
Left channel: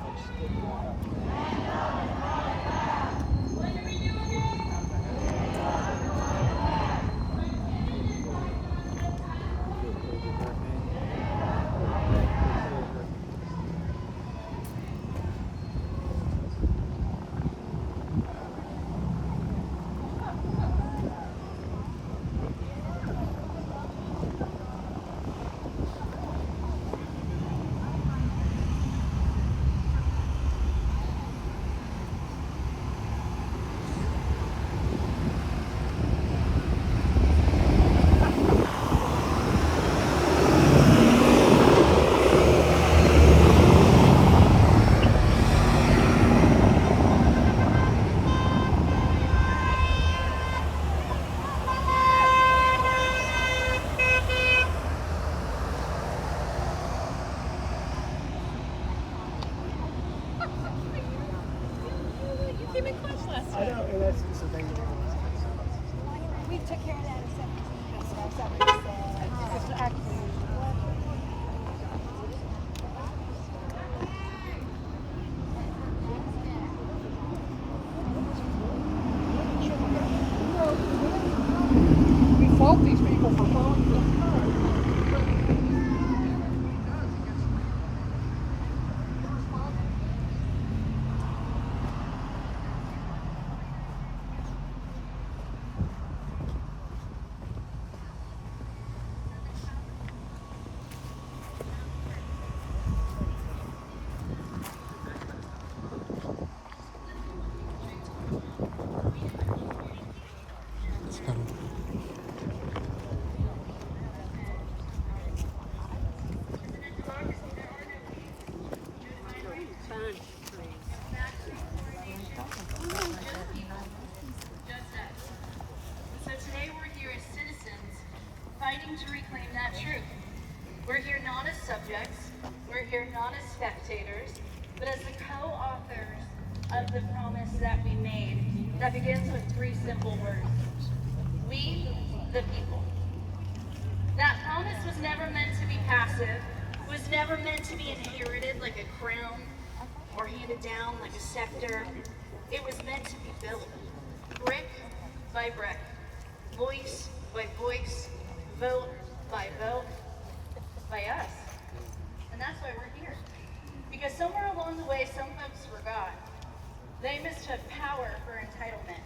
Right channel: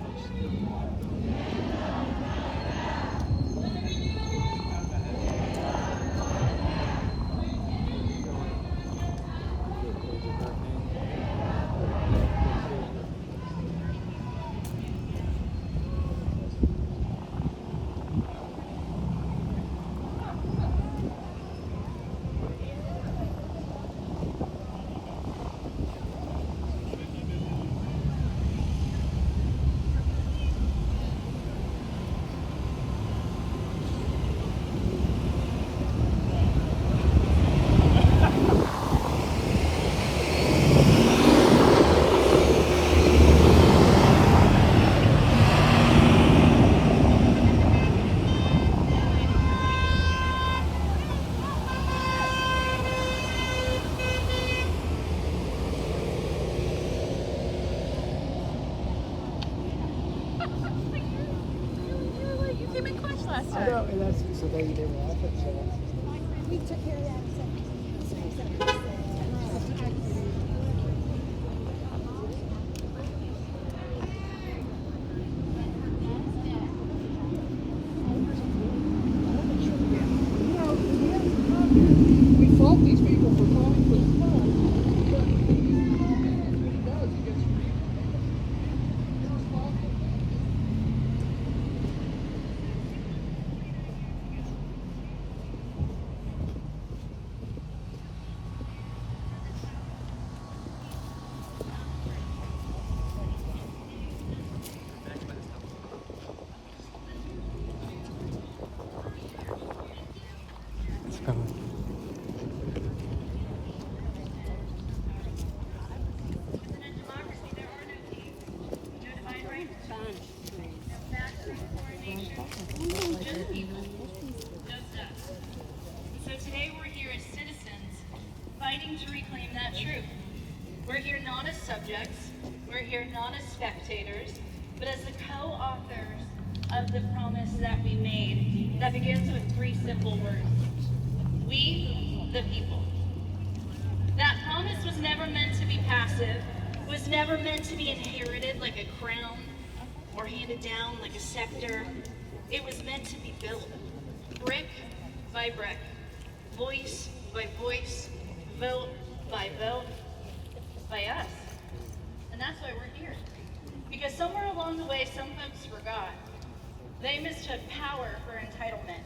took care of that. We fault these people for following the So today we're here as citizens fighting to reclaim that truth. We're here not as subjects, we're here not as spectators, but as the co-authors of the promise that we made that begins with 3 simple words. We, the people. That promise was never meant to be passive, was never meant to be inherited like a crown or handed down like a scepter. It was meant to be built, brick by brick, voice by voice, vote by vote, by us. And that's why we're here. Because somewhere along the way, some folks forgot. They mistook power for entitlement.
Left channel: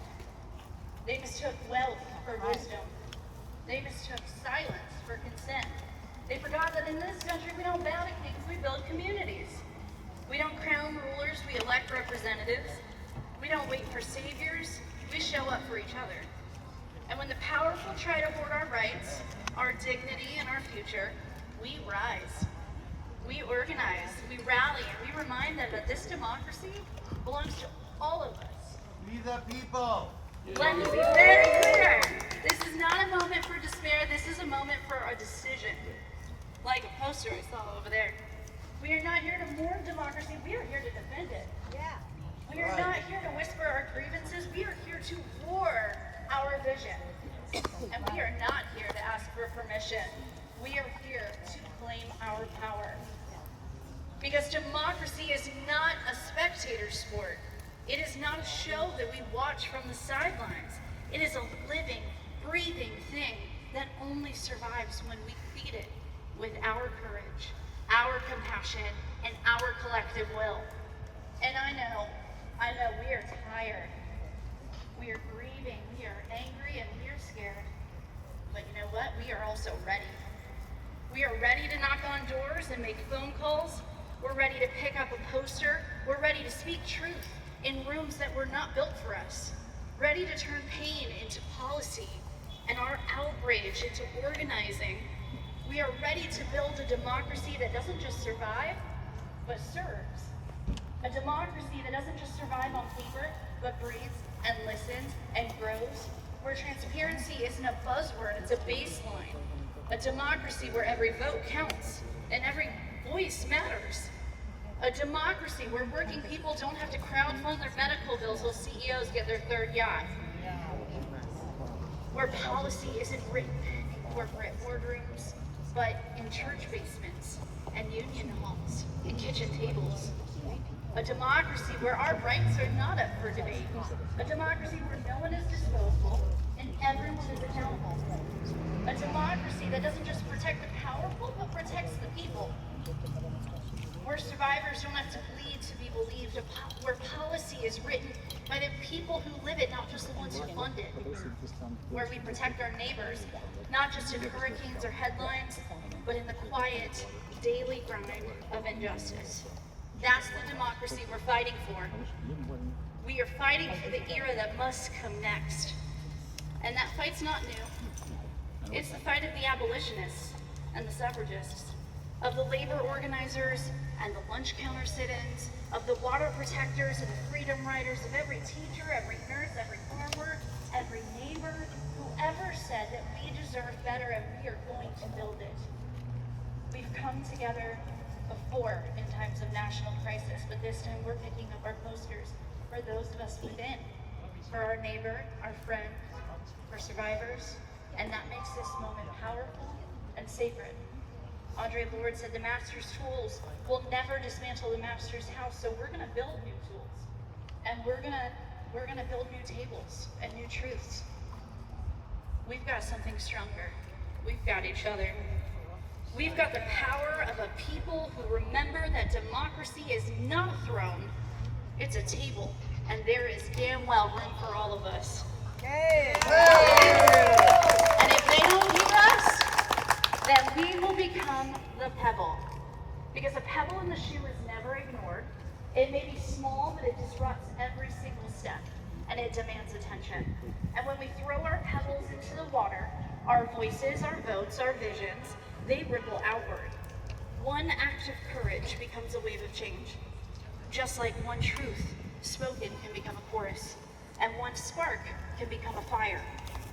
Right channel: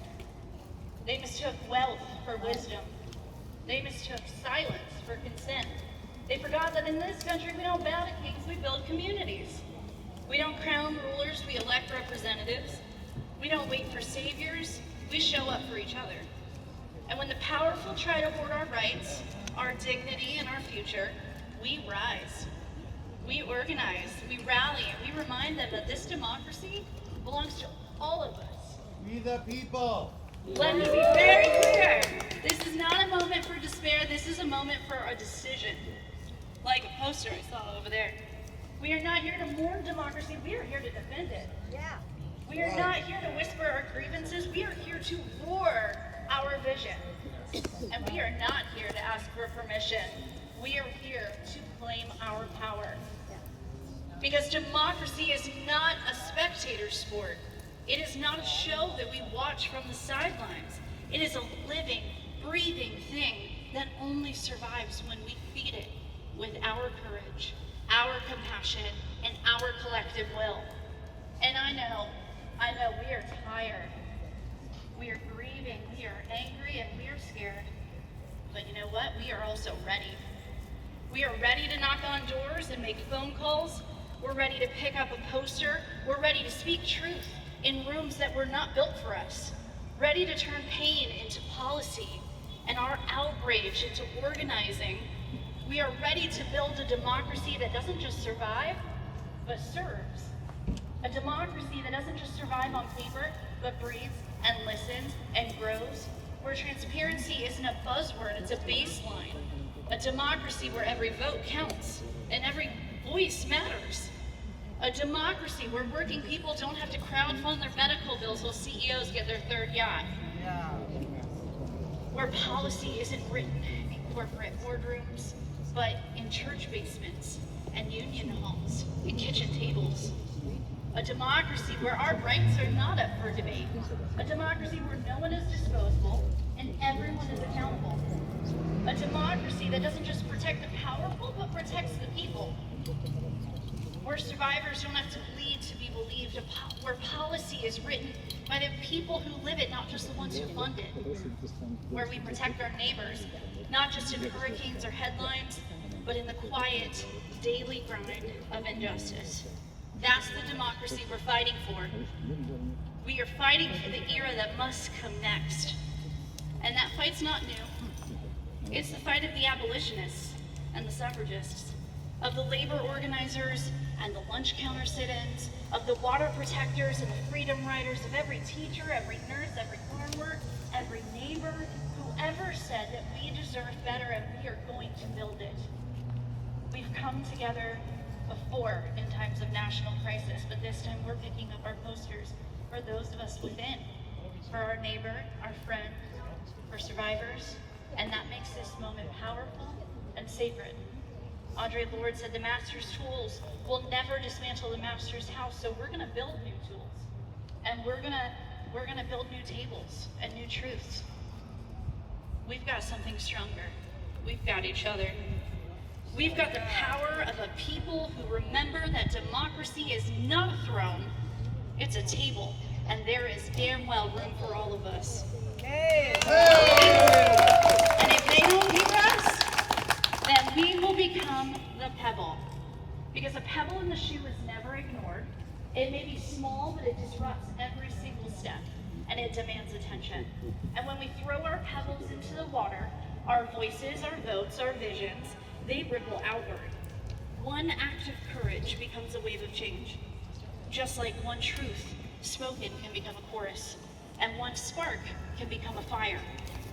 They mistook wealth for wisdom. They mistook silence for consent. They forgot that in this country, we don't bow to kings, we build communities. We don't crown rulers, we elect representatives. We don't wait for saviors, we show up for each other. And when the powerful try to hoard our rights, our dignity, and our future, we rise. We organize, we rally, and we remind them that this democracy belongs to all of us. We the people. Let me be very clear. This is not a moment for despair, this is a moment for a decision. Like a poster I saw over there. We are not here to mourn democracy, we are here to defend it. Yeah. We are not here to whisper our grievances, we are here to war our vision. And we are not here to ask for permission. We are here to claim our power. Because democracy is not a spectator sport. It is not a show that we watch from the sidelines. It is a living, breathing thing that only survives when we feed it with our courage, our compassion, and our collective will. And I know we are tired. We are grieving, we are angry, and we are scared. But you know what? We are also ready. We are ready to knock on doors and make phone calls. We're ready to pick up a poster. We're ready to speak truth in rooms that were not built for us. Ready to turn pain into policy and our outrage into organizing. We are ready to build a democracy that doesn't just survive, but serves. A democracy that doesn't just survive on paper, but breathes and listens and grows. Where transparency isn't a buzzword, it's a baseline. A democracy where every vote counts and every voice matters. A democracy where working people don't have to crowdfund their medical bills while CEOs get their third yacht. Where policy isn't written in corporate boardrooms, but in church basements and union halls and kitchen tables. democracy where our rights are not up for debate. A democracy where no one is disposable and everyone is accountable. A democracy that doesn't just protect the powerful, but protects the people. Where survivors don't have to bleed to be believed. Where policy is written by the people who live it, not just the ones who fund it. Where we protect our neighbors, not just in hurricanes or headlines, but in the quiet, daily grind of injustice. That's the democracy we're fighting for. We are fighting for the era that must come next. And that fight's not new. It's the fight of the abolitionists and the suffragists, of the labor organizers and the lunch counter sit-ins, of the water protectors and the freedom riders, of every teacher, every nurse, every farmer, every neighbor, whoever said that we deserve better and we are going to build it. We've come together before in times of national crisis, but this time we're picking up our posters for those of us within, for our neighbor, our friend, for survivors, and that makes this moment powerful and sacred. Audre Lorde said the master's tools will never dismantle the master's house, so we're gonna build new tools. And we're gonna build new tables and new truths. We've got something stronger. We've got each other. We've got the power of a people who remember that democracy is not a throne, it's a table, and there is damn well room for all of us. And if they don't hear us, then we will become the pebble. Because a pebble in the shoe is never ignored. It may be small, but it disrupts every single step, and it demands attention. And when we throw our pebbles into the water, our voices, our votes, our visions, they ripple outward. One act of courage becomes a wave of change. Just like one truth spoken can become a chorus, and one spark can become a fire.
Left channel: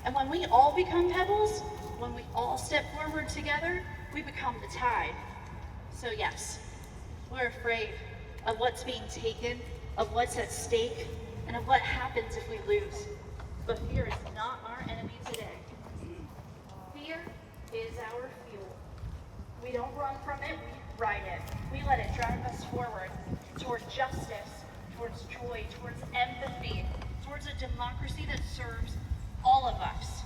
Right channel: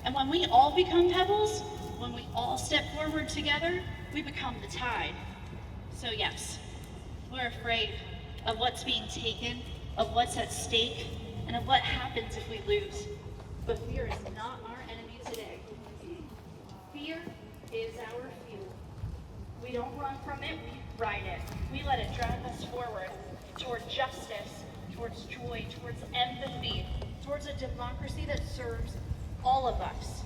And when we all become pebbles, when we all step forward together, we become the tide. So yes, we're afraid of what's being taken, of what's at stake, and of what happens if we lose. But fear is not our enemy today. Fear is our fuel. We don't run from it, we ride it. We let it drive us forward towards justice, towards joy, towards empathy, towards a democracy that serves all of us.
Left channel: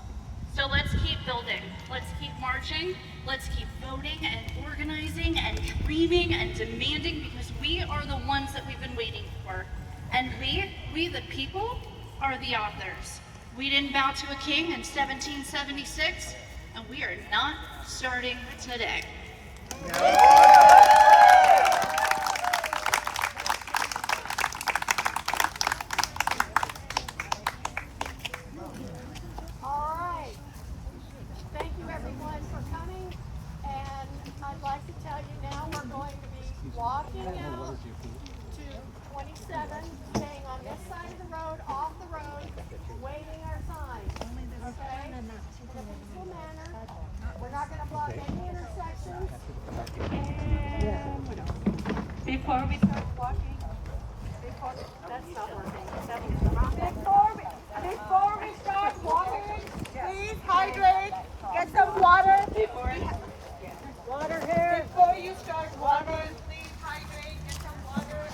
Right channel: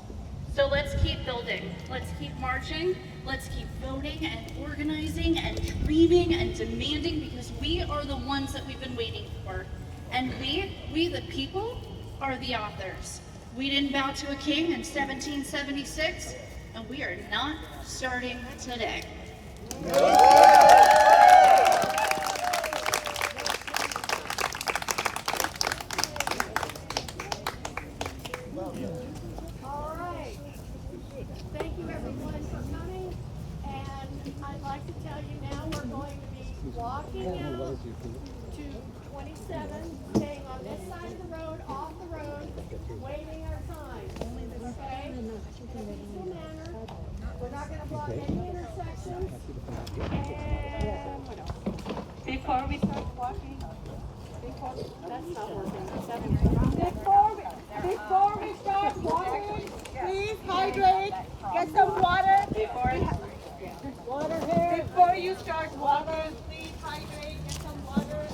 So let's keep building, let's keep marching, let's keep voting and organizing and dreaming and demanding, because we are the ones that we've been waiting for. And we the people, are the authors. We didn't bow to a king in 1776, and we are not starting today. Walking out to 27, staying on this side of the road, off the road, waiting our time. Okay? In a peaceful manner. We're not going to block any intersections. Before we start walking, that's not working. Before we start walking, please hydrate. Get some water. Water here. Before you start walking, please hydrate. Get some water.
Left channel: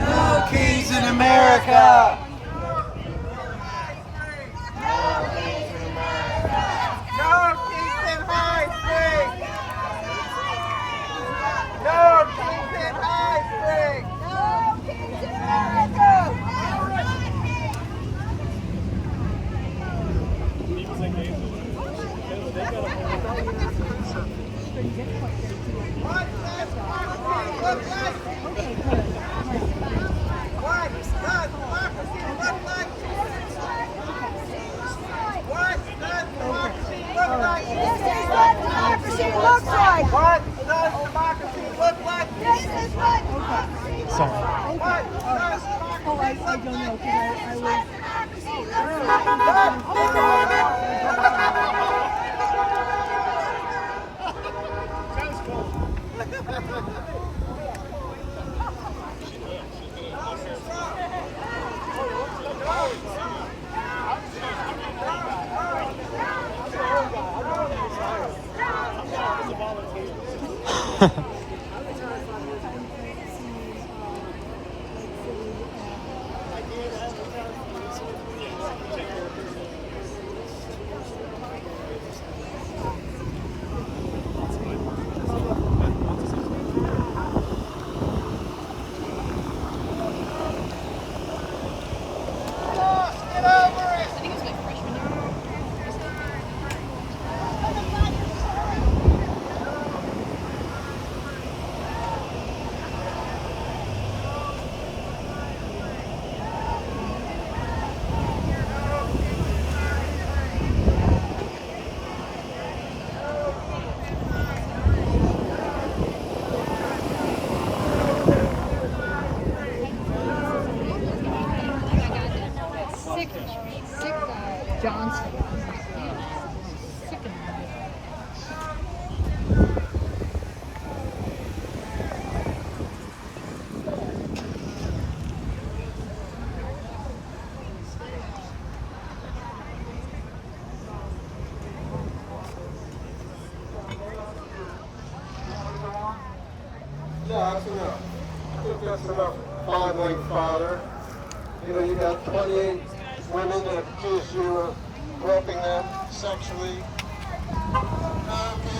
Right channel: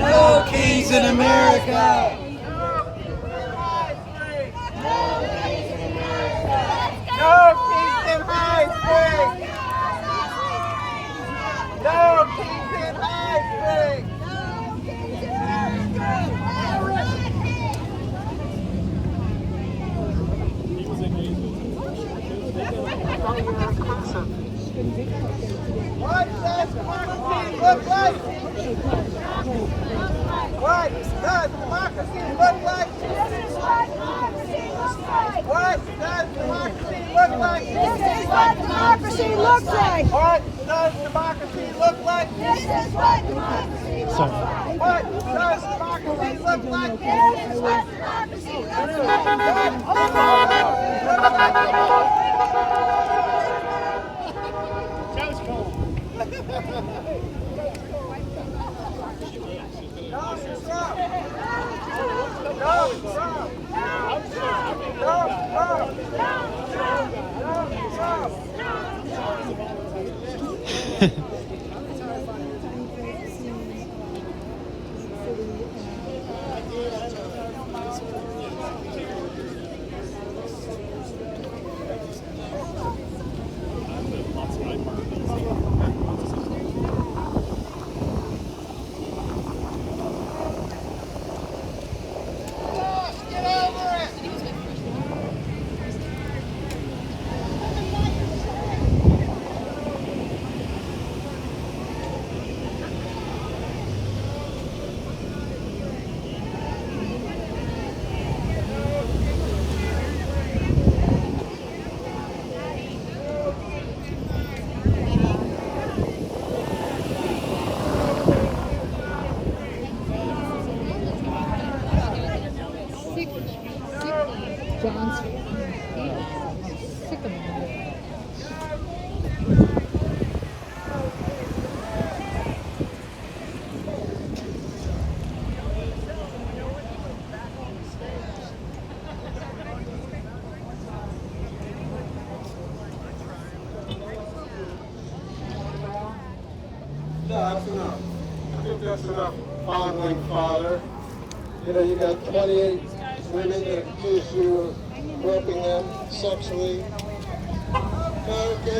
No kings in America! No kings in High Springs! No kings in High Springs! No kings in America! What does democracy look like? What does democracy look like? What does democracy look like? This is what democracy looks like. What does democracy look like? This is what democracy looks like. What does democracy look like? This is what democracy That's enough. I think that's enough fondling, Father. You know, you got 28 women that accuse you of groping them sexually. Okay.